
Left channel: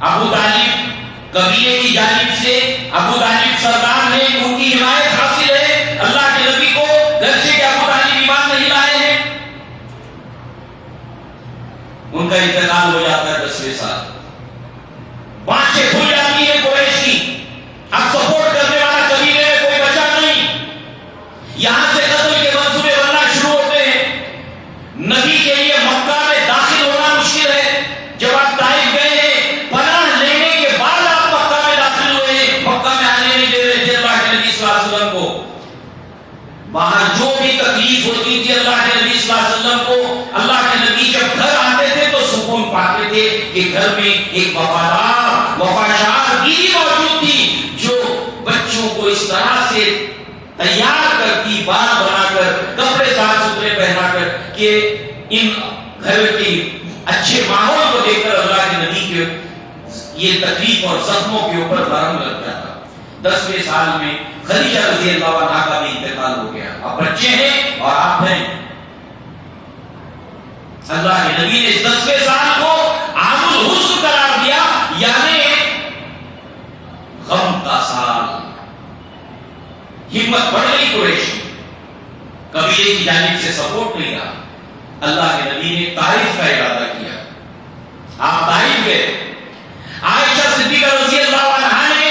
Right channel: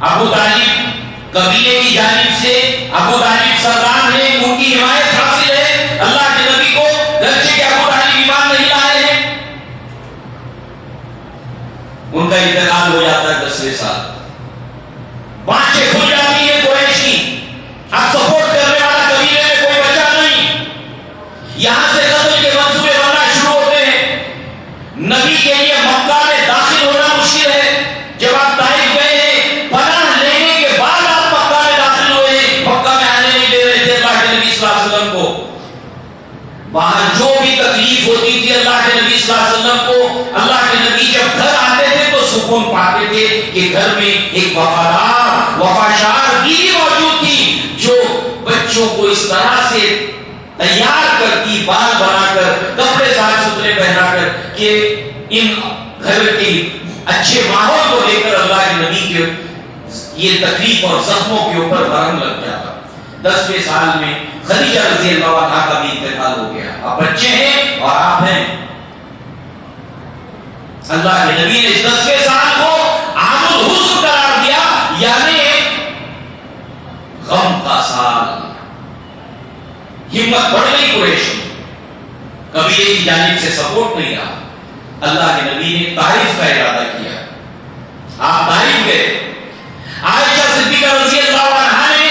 ابو طالب قبیلے کی جانب سے، ابو طالب سردار نے، ان کی حمایت حاصل ہے اللہ کے نبی کو، گرچہ کہ ابو طالب ایمان نہیں لائے ہیں۔ ان کا انتقال ہو جاتا ہے 10ویں سال، بانچیں کھل جاتی ہے قریش کی، اب سپورٹ کرنے والا قبیلے میں کوئی بچا نہیں، یہاں سے قتل کے منصوبے بننا شروع ہوتے ہیں۔ نبی کے لیے مکہ میں داخل ہونا مشکل ہے، جب آپ طائف گئے ہیں، پناہ لینے کے بعد آپ مکہ میں داخل ہوئے ہیں، مکہ میں آنے نہیں دے رہے تھے اللہ کے نبی صلی اللہ علیہ وسلم کو۔ وہاں جو بھی تکلیف ہوتی تھی اللہ کے نبی صلی اللہ علیہ وسلم کو، اللہ کے نبی جب گھر آتے تھے تو سکون پاتے تھے کہ گھر میں ایک وفادار وفاشار بیوی موجود تھی، جو بچوں کو اس طرح سے تیار کرتی، بال بنا کر، کپڑے صاف ستھرے پہنا کر کہ ان گھر کے اچھے ماحول کو دیکھ کر اللہ کے نبی کے یہ تکلیف اور زخموں کے اوپر مرہم لگ جاتا۔ 10ویں سال میں خدیجہ رضی اللہ عنہا کا بھی انتقال ہو گیا، اب بچے ہیں اور آپ ہیں۔ اللہ کے نبی نے اس 10ویں سال کو عام الحزن قرار دیا، یعنی غم کا سال۔ ہمت بڑھ گئی قریش میں، قبیلے کی جانب سے سپورٹ نہیں رہا۔ اللہ کے نبی نے تعریف کا ارادہ کیا، آپ تعریف گئے۔ عائشہ صدیقہ رضی اللہ عنہا نے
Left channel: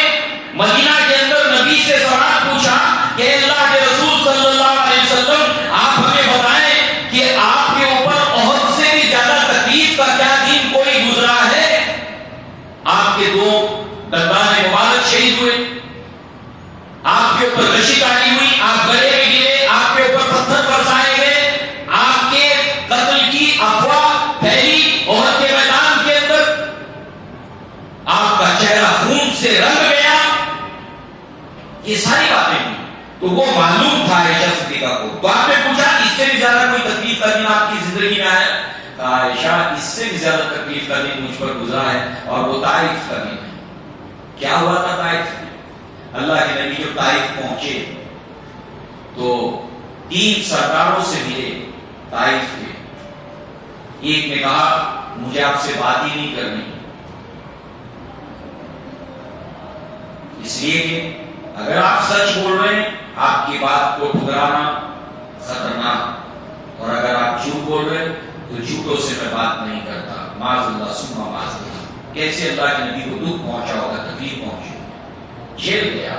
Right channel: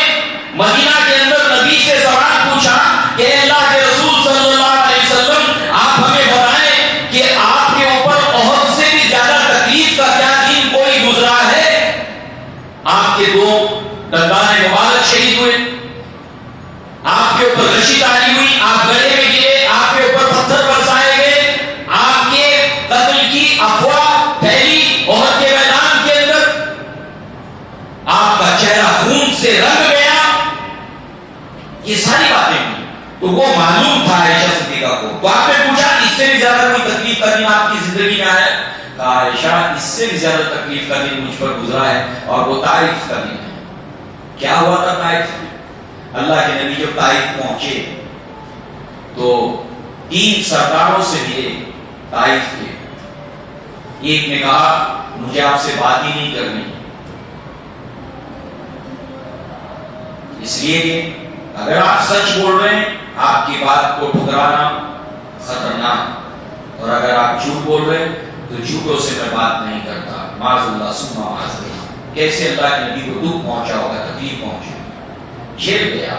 مدینہ کے اندر نبی سے سوال پوچھا کہ اللہ کے رسول صلی اللہ علیہ وسلم آپ ہمیں بتائیں کہ آپ کے اوپر احد سے بھی زیادہ تکلیف کا کیا دن کوئی گزرا ہے؟ آپ کے 2 دندان مبارک شہید ہوئے، آپ کے اوپر رشی ڈالی ہوئی، آپ گڑھے میں گرے، آپ کے اوپر پتھر برسائے گئے، آپ کے قتل کی افواہ پھیلی عہد کے میدان کے اندر، آپ کا چہرہ خون سے رنگ گیا، یہ ساری باتیں ہوئی. تو وہ معلوم تھا عائشہ صدیقہ کو. تو آپ نے پوچھا اس سے بھی زیادہ کوئی تکلیف کا دن آپ کی زندگی میں آیا؟ کہا عائشہ اس سے بھی زیادہ تکلیف کا دن مجھ پر گزرا ہے اور وہ طائف کا دن ہے. کیا ہوا تھا طائف میں؟ اللہ کے نبی جب طائف پہنچے تو 3 سرداروں سے ملے طائف کے. ایک نے کہا مجھے آپ سے بات ہی نہیں کرنی، اس لیے کہ اگر آپ سچ بول رہے ہیں آپ کی بات کو ٹھکرانا خطرناک، اور اگر آپ جھوٹ بول رہے ہیں تو جھوٹوں سے میں بات نہیں کرتا. معاذ اللہ ثم معاذ اللہ. کیسے اللہ کے نبی کو دکھ پہنچا ہوگا، تکلیف پہنچی، جھیل گیا.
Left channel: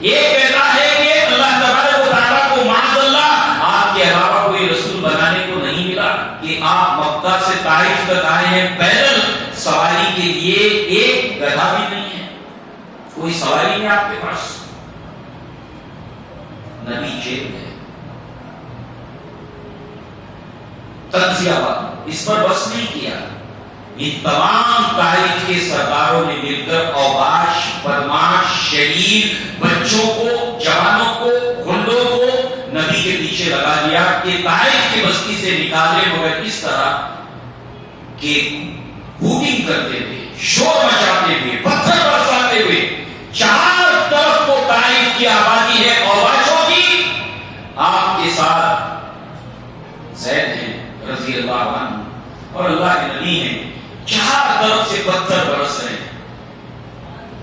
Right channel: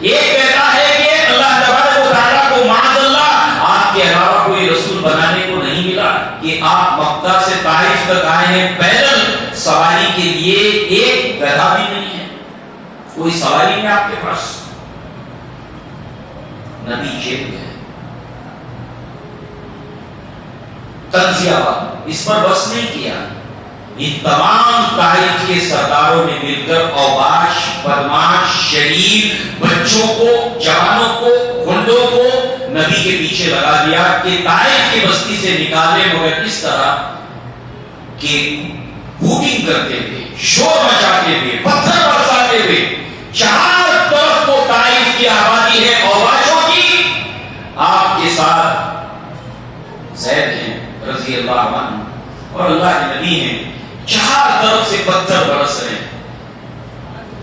ایک کہتا ہے کہ اللہ تبارک و تعالیٰ کو معاذ اللہ آپ کے علاوہ کوئی رسول بنانے کو نہیں ملا کہ آپ مکہ سے طائف تک آئے ہیں پیدل، سواری کے لیے ایک گدھا بھی نہیں ہے، کوئی سواری نہیں آپ کے پاس. نبی جیل گئے. تنزیہ بات اس پر بس نہیں کیا. ان تمام طائف کے سرداروں نے مل کر اوباش، بدماش، شریر بچوں کو، جوانوں کو، گنڈوں کو نبی کے پیچھے لگا دیا کہ طائف کی بستی سے نکالے، مگر اس طرح کہ ہوٹنگ کرتے تھے، شور مچاتے ہوئے، پتھر برساتے ہوئے. 4 طرف کو طائف کی آبادی ہے اوباشوں کی. آپ کے ساتھ زید ہیں رضی اللہ عنہ اور اللہ کے نبی ہیں. 4 طرف سے پتھر برس رہے ہیں.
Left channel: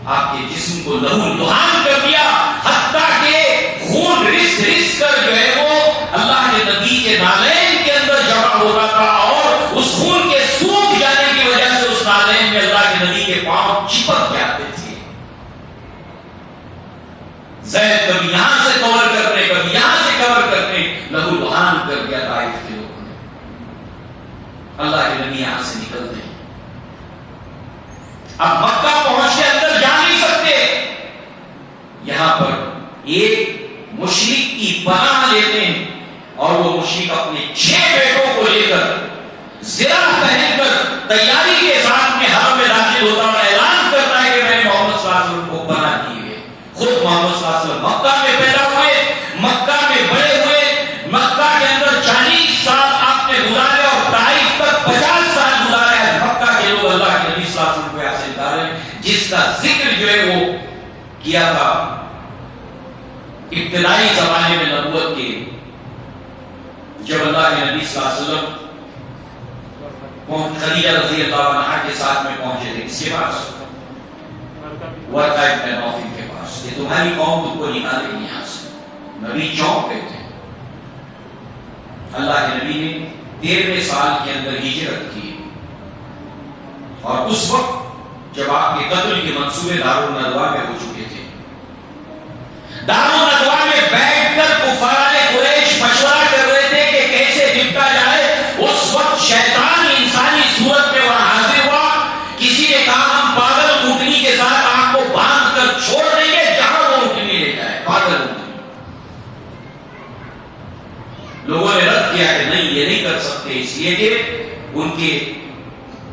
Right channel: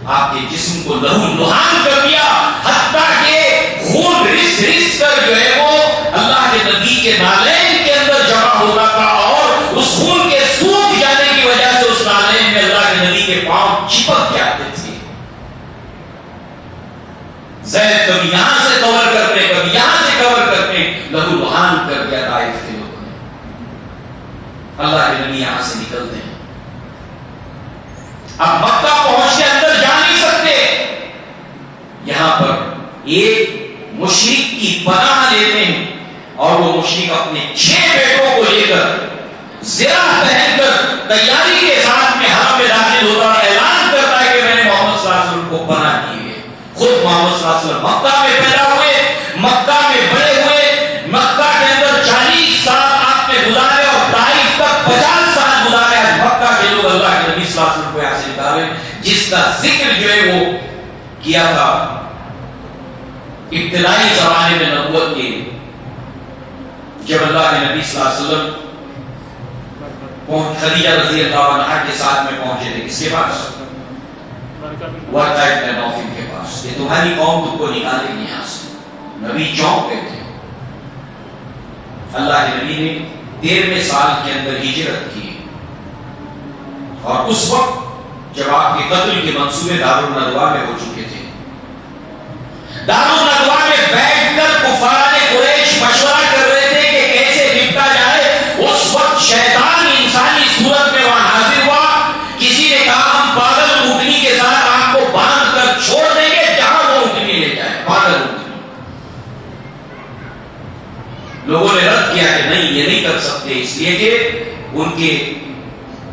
آپ کے جسم کو لہو لہان کر دیا، حتیٰ کہ خون رس رس کر جو ہے وہ اللہ کے نبی کے نالین کے اندر جمع ہوتا تھا، اور اس خون کے سوکھ جانے کی وجہ سے اس نالین میں اللہ کے نبی کے پاؤں چپک جاتے تھے. زید کبھی یہاں سے کور کرتے، کبھی یہاں سے کور کرتے، لہو لہان کر دیا طائف کے لوگوں نے. اللہ کے نبی یہاں سے نکلتے ہیں، اب مکہ پہنچ کے اندر جا نہیں سکتے. یہاں پر ایک مشرک کی پناہ لیتے ہیں، اور وہ مشرک اپنے 6 بیٹوں کو لے کر زرہ پہن کر تیاری کے ساتھ میں حرم میں داخل ہوتا اور اعلان کرتا ہے کہ میں نے محمد صلی اللہ علیہ وسلم کو پناہ دی ہے. خود محمد صلی اللہ علیہ وسلم مکہ میں پیدا ہوئے، مکہ میں بڑے ہوئے، مکہ کے اندر 40 سال آپ نے گزارے اور طائف تک 50 سال گزارے. مکہ کے لوگ اللہ کے نبی صلی اللہ علیہ وسلم کو یہاں سے نکالے، جس کا ذکر جو ہے وہ کیا تھا ابتدائی زمانے میں نبوت کے، جب اللہ کے نبی صلی اللہ علیہ وسلم خدیجہ رضی اللہ عنہا کے ساتھ میں پہنچے تھے. کس کے پاس؟ ورقہ ابن نوفل کے پاس. یہ تمہاری قوم تم کو نکالے گی یہاں سے. نبی چونک گئے تھے. اللہ کے نبی نے 13ویں سال کے اندر ہجرت کی، اور اس وقت جب آپ کے قتل کے منصوبے دارالندوا میں ہو چکے تھے. دارالندوا میں بیٹھ کر کفار قریش مشورہ کر رہے تھے کہ کیسے نپٹا جائے. اس وقت شیطان انسانی صورت میں وہاں حاضر ہوا. کسی نے کہا ہم پاگل اونٹنی کے ساتھ آپ کو باندھ کر چھوڑ دیں گے جہاں وہ اونٹنی لے جائے. پاگل اونٹنی. لوگوں نے رد کیا کہ نہیں، یہ نہیں کر سکتے، اس لیے کہ ان کے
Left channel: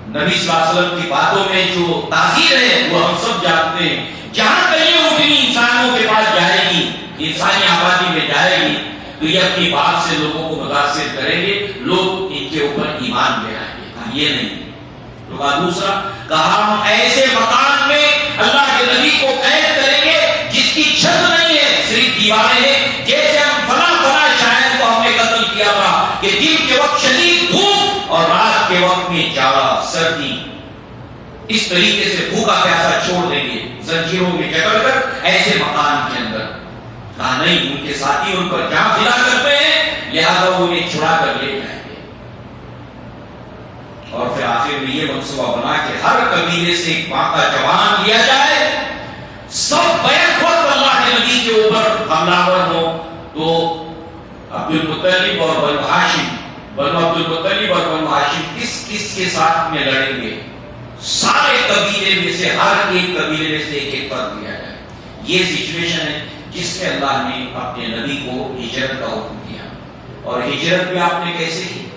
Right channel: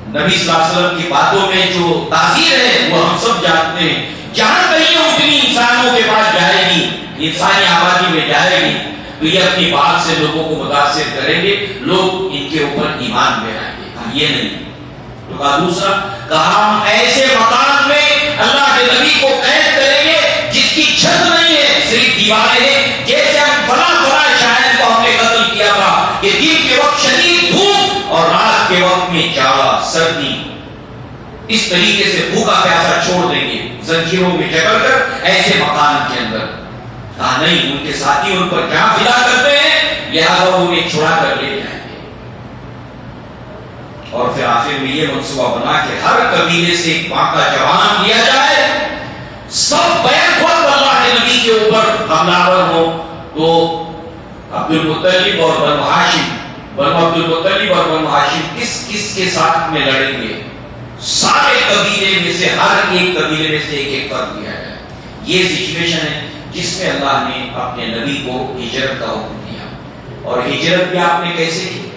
نبی صلی اللہ علیہ وسلم کی باتوں میں جو تاثیر ہے وہ ہم سب جانتے ہیں. جہاں کہیں اونٹنی انسانوں کے پاس جائے گی، انسانی آبادی میں جائے گی، تو یہ اپنی بات سے لوگوں کو متاثر کریں گے، لوگ ان کے اوپر ایمان لے آئیں گے. یہ نہیں. تو کہا دوسرا، کہا ہم ایسے مکان میں اللہ کے نبی کو قید کریں گے جس کی چھت نہیں ہے، صرف دیواریں ہیں، جیسے ہم فلاں شاعر کو ہم نے قتل کیا تھا کہ دن کے وقت شدید دھوپ اور رات کے وقت میں جاڑا سردی. اس طریقے سے بھوکا پیاسا چھوڑ دیں گے زنجیروں میں جکڑ کر ایسے مکان کے اندر. کہا نہیں، ان کے ساتھی ان پر جان فدا کرتے ہیں، لہذا وہ انہیں چھڑا کر لے جائیں گے. اور پھر آخر میں یہ منصوبہ بنا کہ ہر قبیلے سے ایک ماں کا جوان لیا جائے، سب بیک وقت اللہ کے نبی کے اوپر حملہ ہو. تو عبد المطلب اور بنو ہاشم، بنو عبد المطلب اور بنو ہاشم کس کس کے ساتھ میں لڑیں گے؟ سارے قبیلے میں سے ہر ایک قبیلے میں سے ایک فرد دیا جائے. یہ سچویشن ہے جس میں اللہ نے اپنے نبی کو ہجرت کا حکم دیا. اور ہجرت بھی آپ نے کیسے کی؟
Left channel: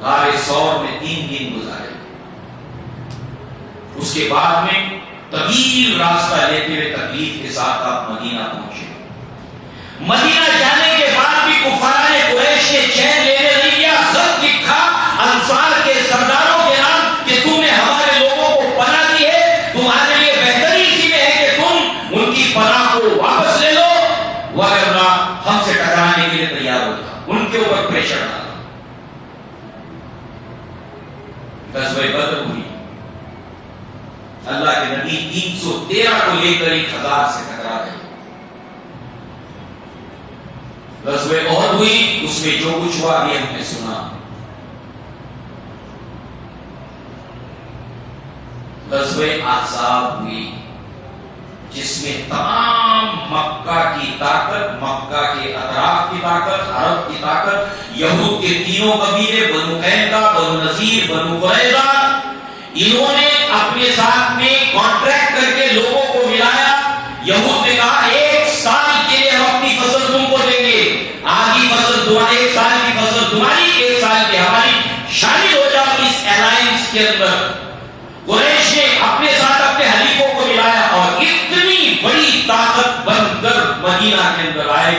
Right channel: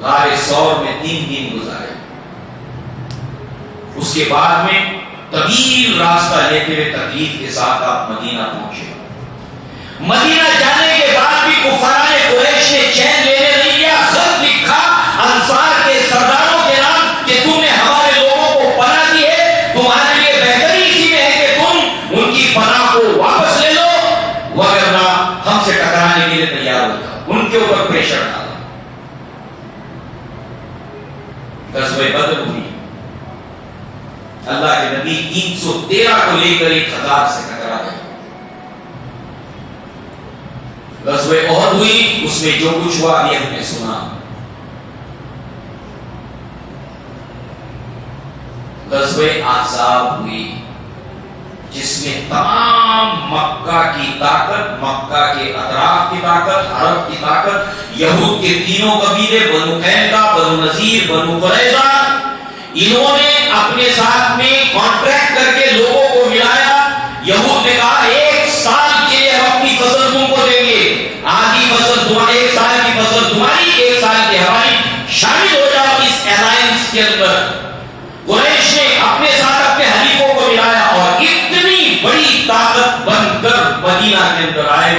غار ثور میں 3 دن گزارے. اس کے بعد میں طویل راستہ لیتے ہوئے تکلیف کے ساتھ آپ مدینہ پہنچے. مدینہ جانے کے بعد بھی کفار قریش نے چین لینے نہیں دیا. خط لکھا انصار کے سرداروں کے نام کہ تم نے ہمارے لوگوں کو پناہ دی ہے, تمہارے لیے بہتری اسی میں ہے کہ تم ان کی پناہ کو واپس لے لو, ورنہ ہم سے ٹکرانے کے لیے تیار ہوگا. ان کے اوپر پریشر ڈالا. غزوہ بدر ہوئی. اللہ کے نبی 313 کو لے کر 1000 سے ٹکرا گئے. غزوہ احد ہوئی, اس میں جو کچھ ہوا بھی ہم نے سنا. غزوہ احزاب ہوئی جس میں تمام مکہ کی طاقت, مکہ کے اطراف کی طاقت, عرب کی طاقت, یہود کے تینوں قبیلے بنو قینقاع, بنو نذیر, بنو قریظہ, انہوں نے اپنے ساتھ میں کانٹریکٹ کر کے لوگوں کو ملایا. یہود نے کہا 1 سال کے لیے ہم اپنی فصل تم کو دیں گے, آدھی فصل تمہاری, 1 سال کی فصل تمہاری, 1 سال کی ہماری, شامل ہو جاؤ اس الائنس کے اندر. قریش نے اپنے ساتھ اپنے حلیفوں کو ملایا اور اتنی بڑی طاقت بن کر مدینہ کے اندر آئے.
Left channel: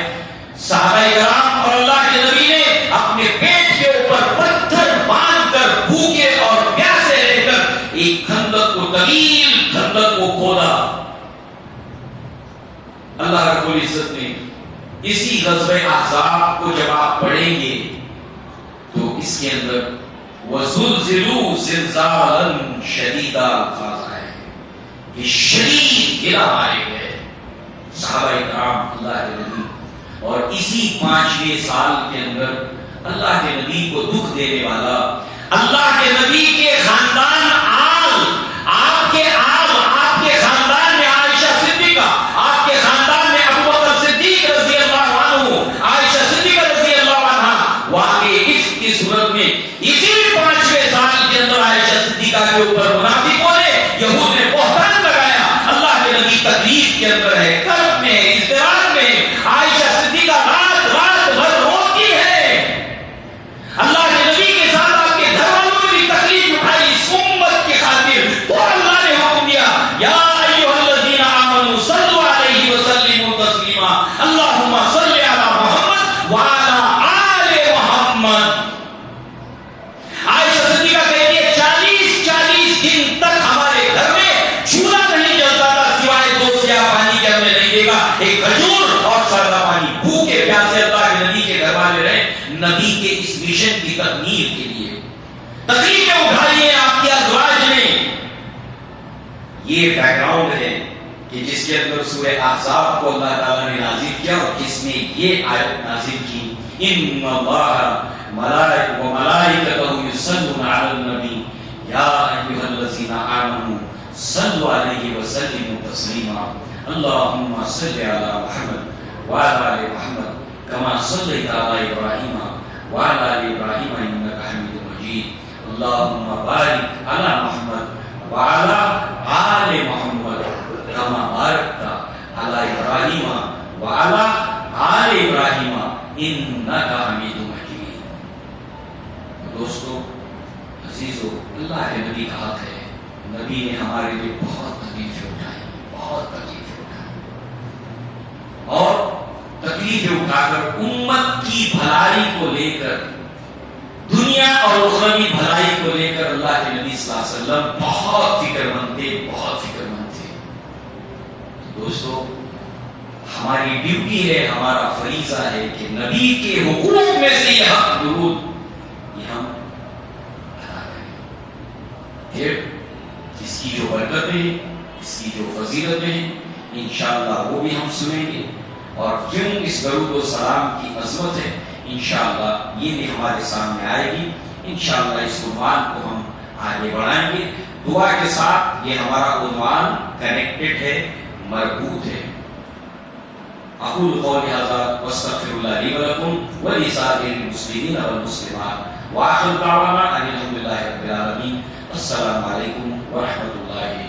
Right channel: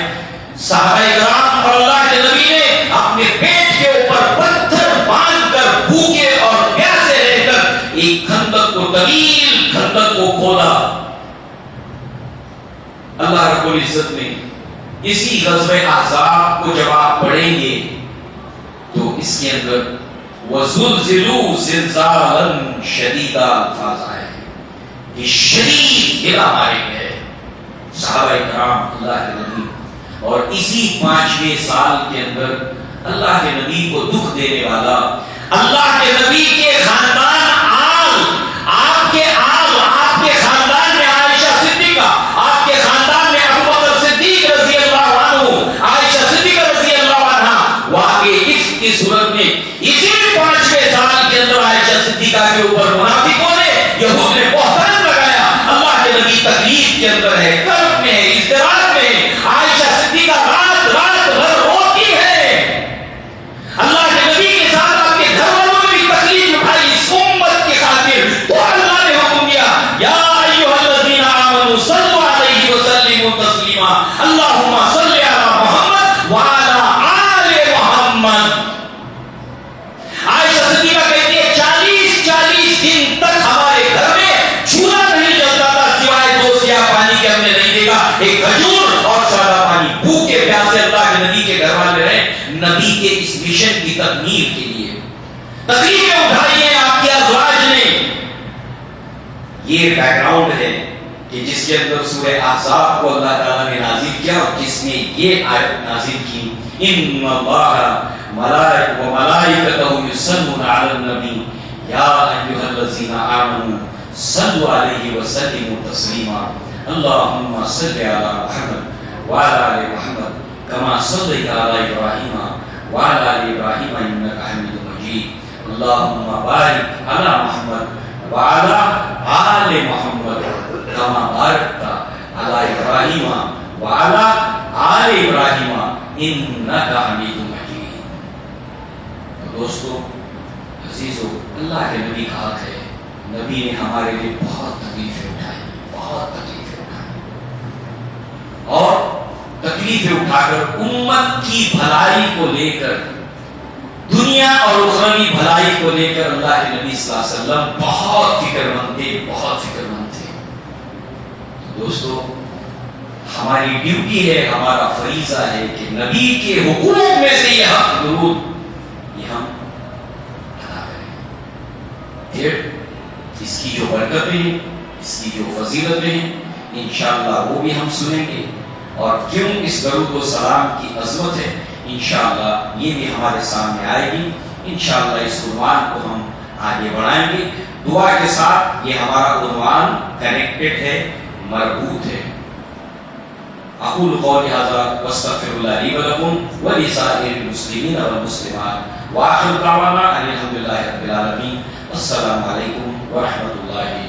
صحابہ کرام اور اللہ کے نبی نے اپنے پیٹ کے اوپر پتھر باندھ کر بھوکے اور پیاسے رہ کر ایک خندق کو, طویل خندق کو کھودا. اللہ رب العزت نے اسی غزوہ احزاب کو جب آپ پڑھیں گے تو اس کے اندر وَزُلْزِلُوا زِلْزَالًا شَدِيدًا الفاظ آئے کہ شدید گرا مارے گئے صحابہ کرام اللہ کے نبی. اور اسی 5ویں سال کے اندر اللہ کے نبی کو دکھ دینے والا, اللہ کے نبی کے خاندان آپ کے خاندان میں عائشہ صدیقہ, آپ کے خاندان میں ابو بکر صدیق رضی اللہ عنہ, عائشہ صدیقہ رضی اللہ عنہ واقع عشق کی صورت میں اسی 5ویں سال کے اندر عائشہ صدیقہ کے اوپر منافقوں نے, یہود نے بہتان لگایا. اللہ کے نبی تکلیف کے اندر ہے, کرب میں ہے, اضطراب میں ہے. عائشہ صدیقہ رات بھر روتی ہے. اللہ کے نبی کے ساتھ آپ کے گھر والوں نے بھی تکلیف اٹھائی اس امت کی خاطر. تو اللہ نے حکم دیا یا ایھا الذین آمنوا صلوا علیہ وسلموا تسلیما, اللہم صل علی محمد وعلی آل محمد. عائشہ صدیقہ کہتی ہے 40 دن تک ہمارے گھر میں چولہا نہیں جلتا تھا سوائے 2 سیاہ پانی کے, ہم نے نہیں دیکھا ایک کھجور اور سادہ پانی. بھوکے پیاسے اللہ کے نبی کے گھر والے رہے نبی کے اس مشن کی تکمیل کے لیے. تکلیفیں اٹھائی ہیں آپ کی ازواج نے. یہ بیک گراؤنڈ ہے کہ جس کے اندر سورہ احزاب کو اللہ تعالیٰ نے نازل کیا اور جس میں یہ آیت نازل کی ان اللہ وملائکتہ یصلون علی النبی یا ایھا الذین آمنوا صلوا علیہ وسلموا تسلیما, اللہم صل علی محمد وعلی آل محمد کما صلیت علی ابراہیم وعلی آل ابراہیم انک حمید مجید, اللہم بارک علی محمد وعلی آل محمد کما بارکت علی ابراہیم وعلی آل ابراہیم انک حمید مجید. دوستو عزیزو, اللہ کے نبی کا حق ہے. نبی نے ہمارے لیے بہت تکلیفیں اٹھائی اور تکلیفیں اٹھا کر امت کی بھلائی کو لے کر, دنیا اور اخروی بھلائی کو لے کر اللہ کے نبی صلی اللہ علیہ وسلم بہت فکر مند تھے. دوستو ہماری ڈیوٹی ہے, ہمارا فریضہ ہے کہ نبی کے حقوق میں سے یہ حق درود یہ ہم ادا کریں. پھر اس کی جو برکتیں ہیں, اس کی جو فضیلتیں ہیں, انشاءاللہ وہ بھی ہم سنیں گے. اور کیوں اس درود و سلام کی عظمت ہے انشاءاللہ یہ بھی ہمارے سامنے آئے گی. انشاءاللہ اس عنوان کو ہم آگے بڑھائیں گے. دعا کے ساتھ یہ ہمارا عنوان کنیکٹڈ ہے, مربوط ہے. اقول قولی ھذا واستغفر اللہ لی ولکم ولسائر المسلمین والمسلمات واخر دعوانا ان الحمد للہ رب العالمین. السلام علیکم ورحمۃ اللہ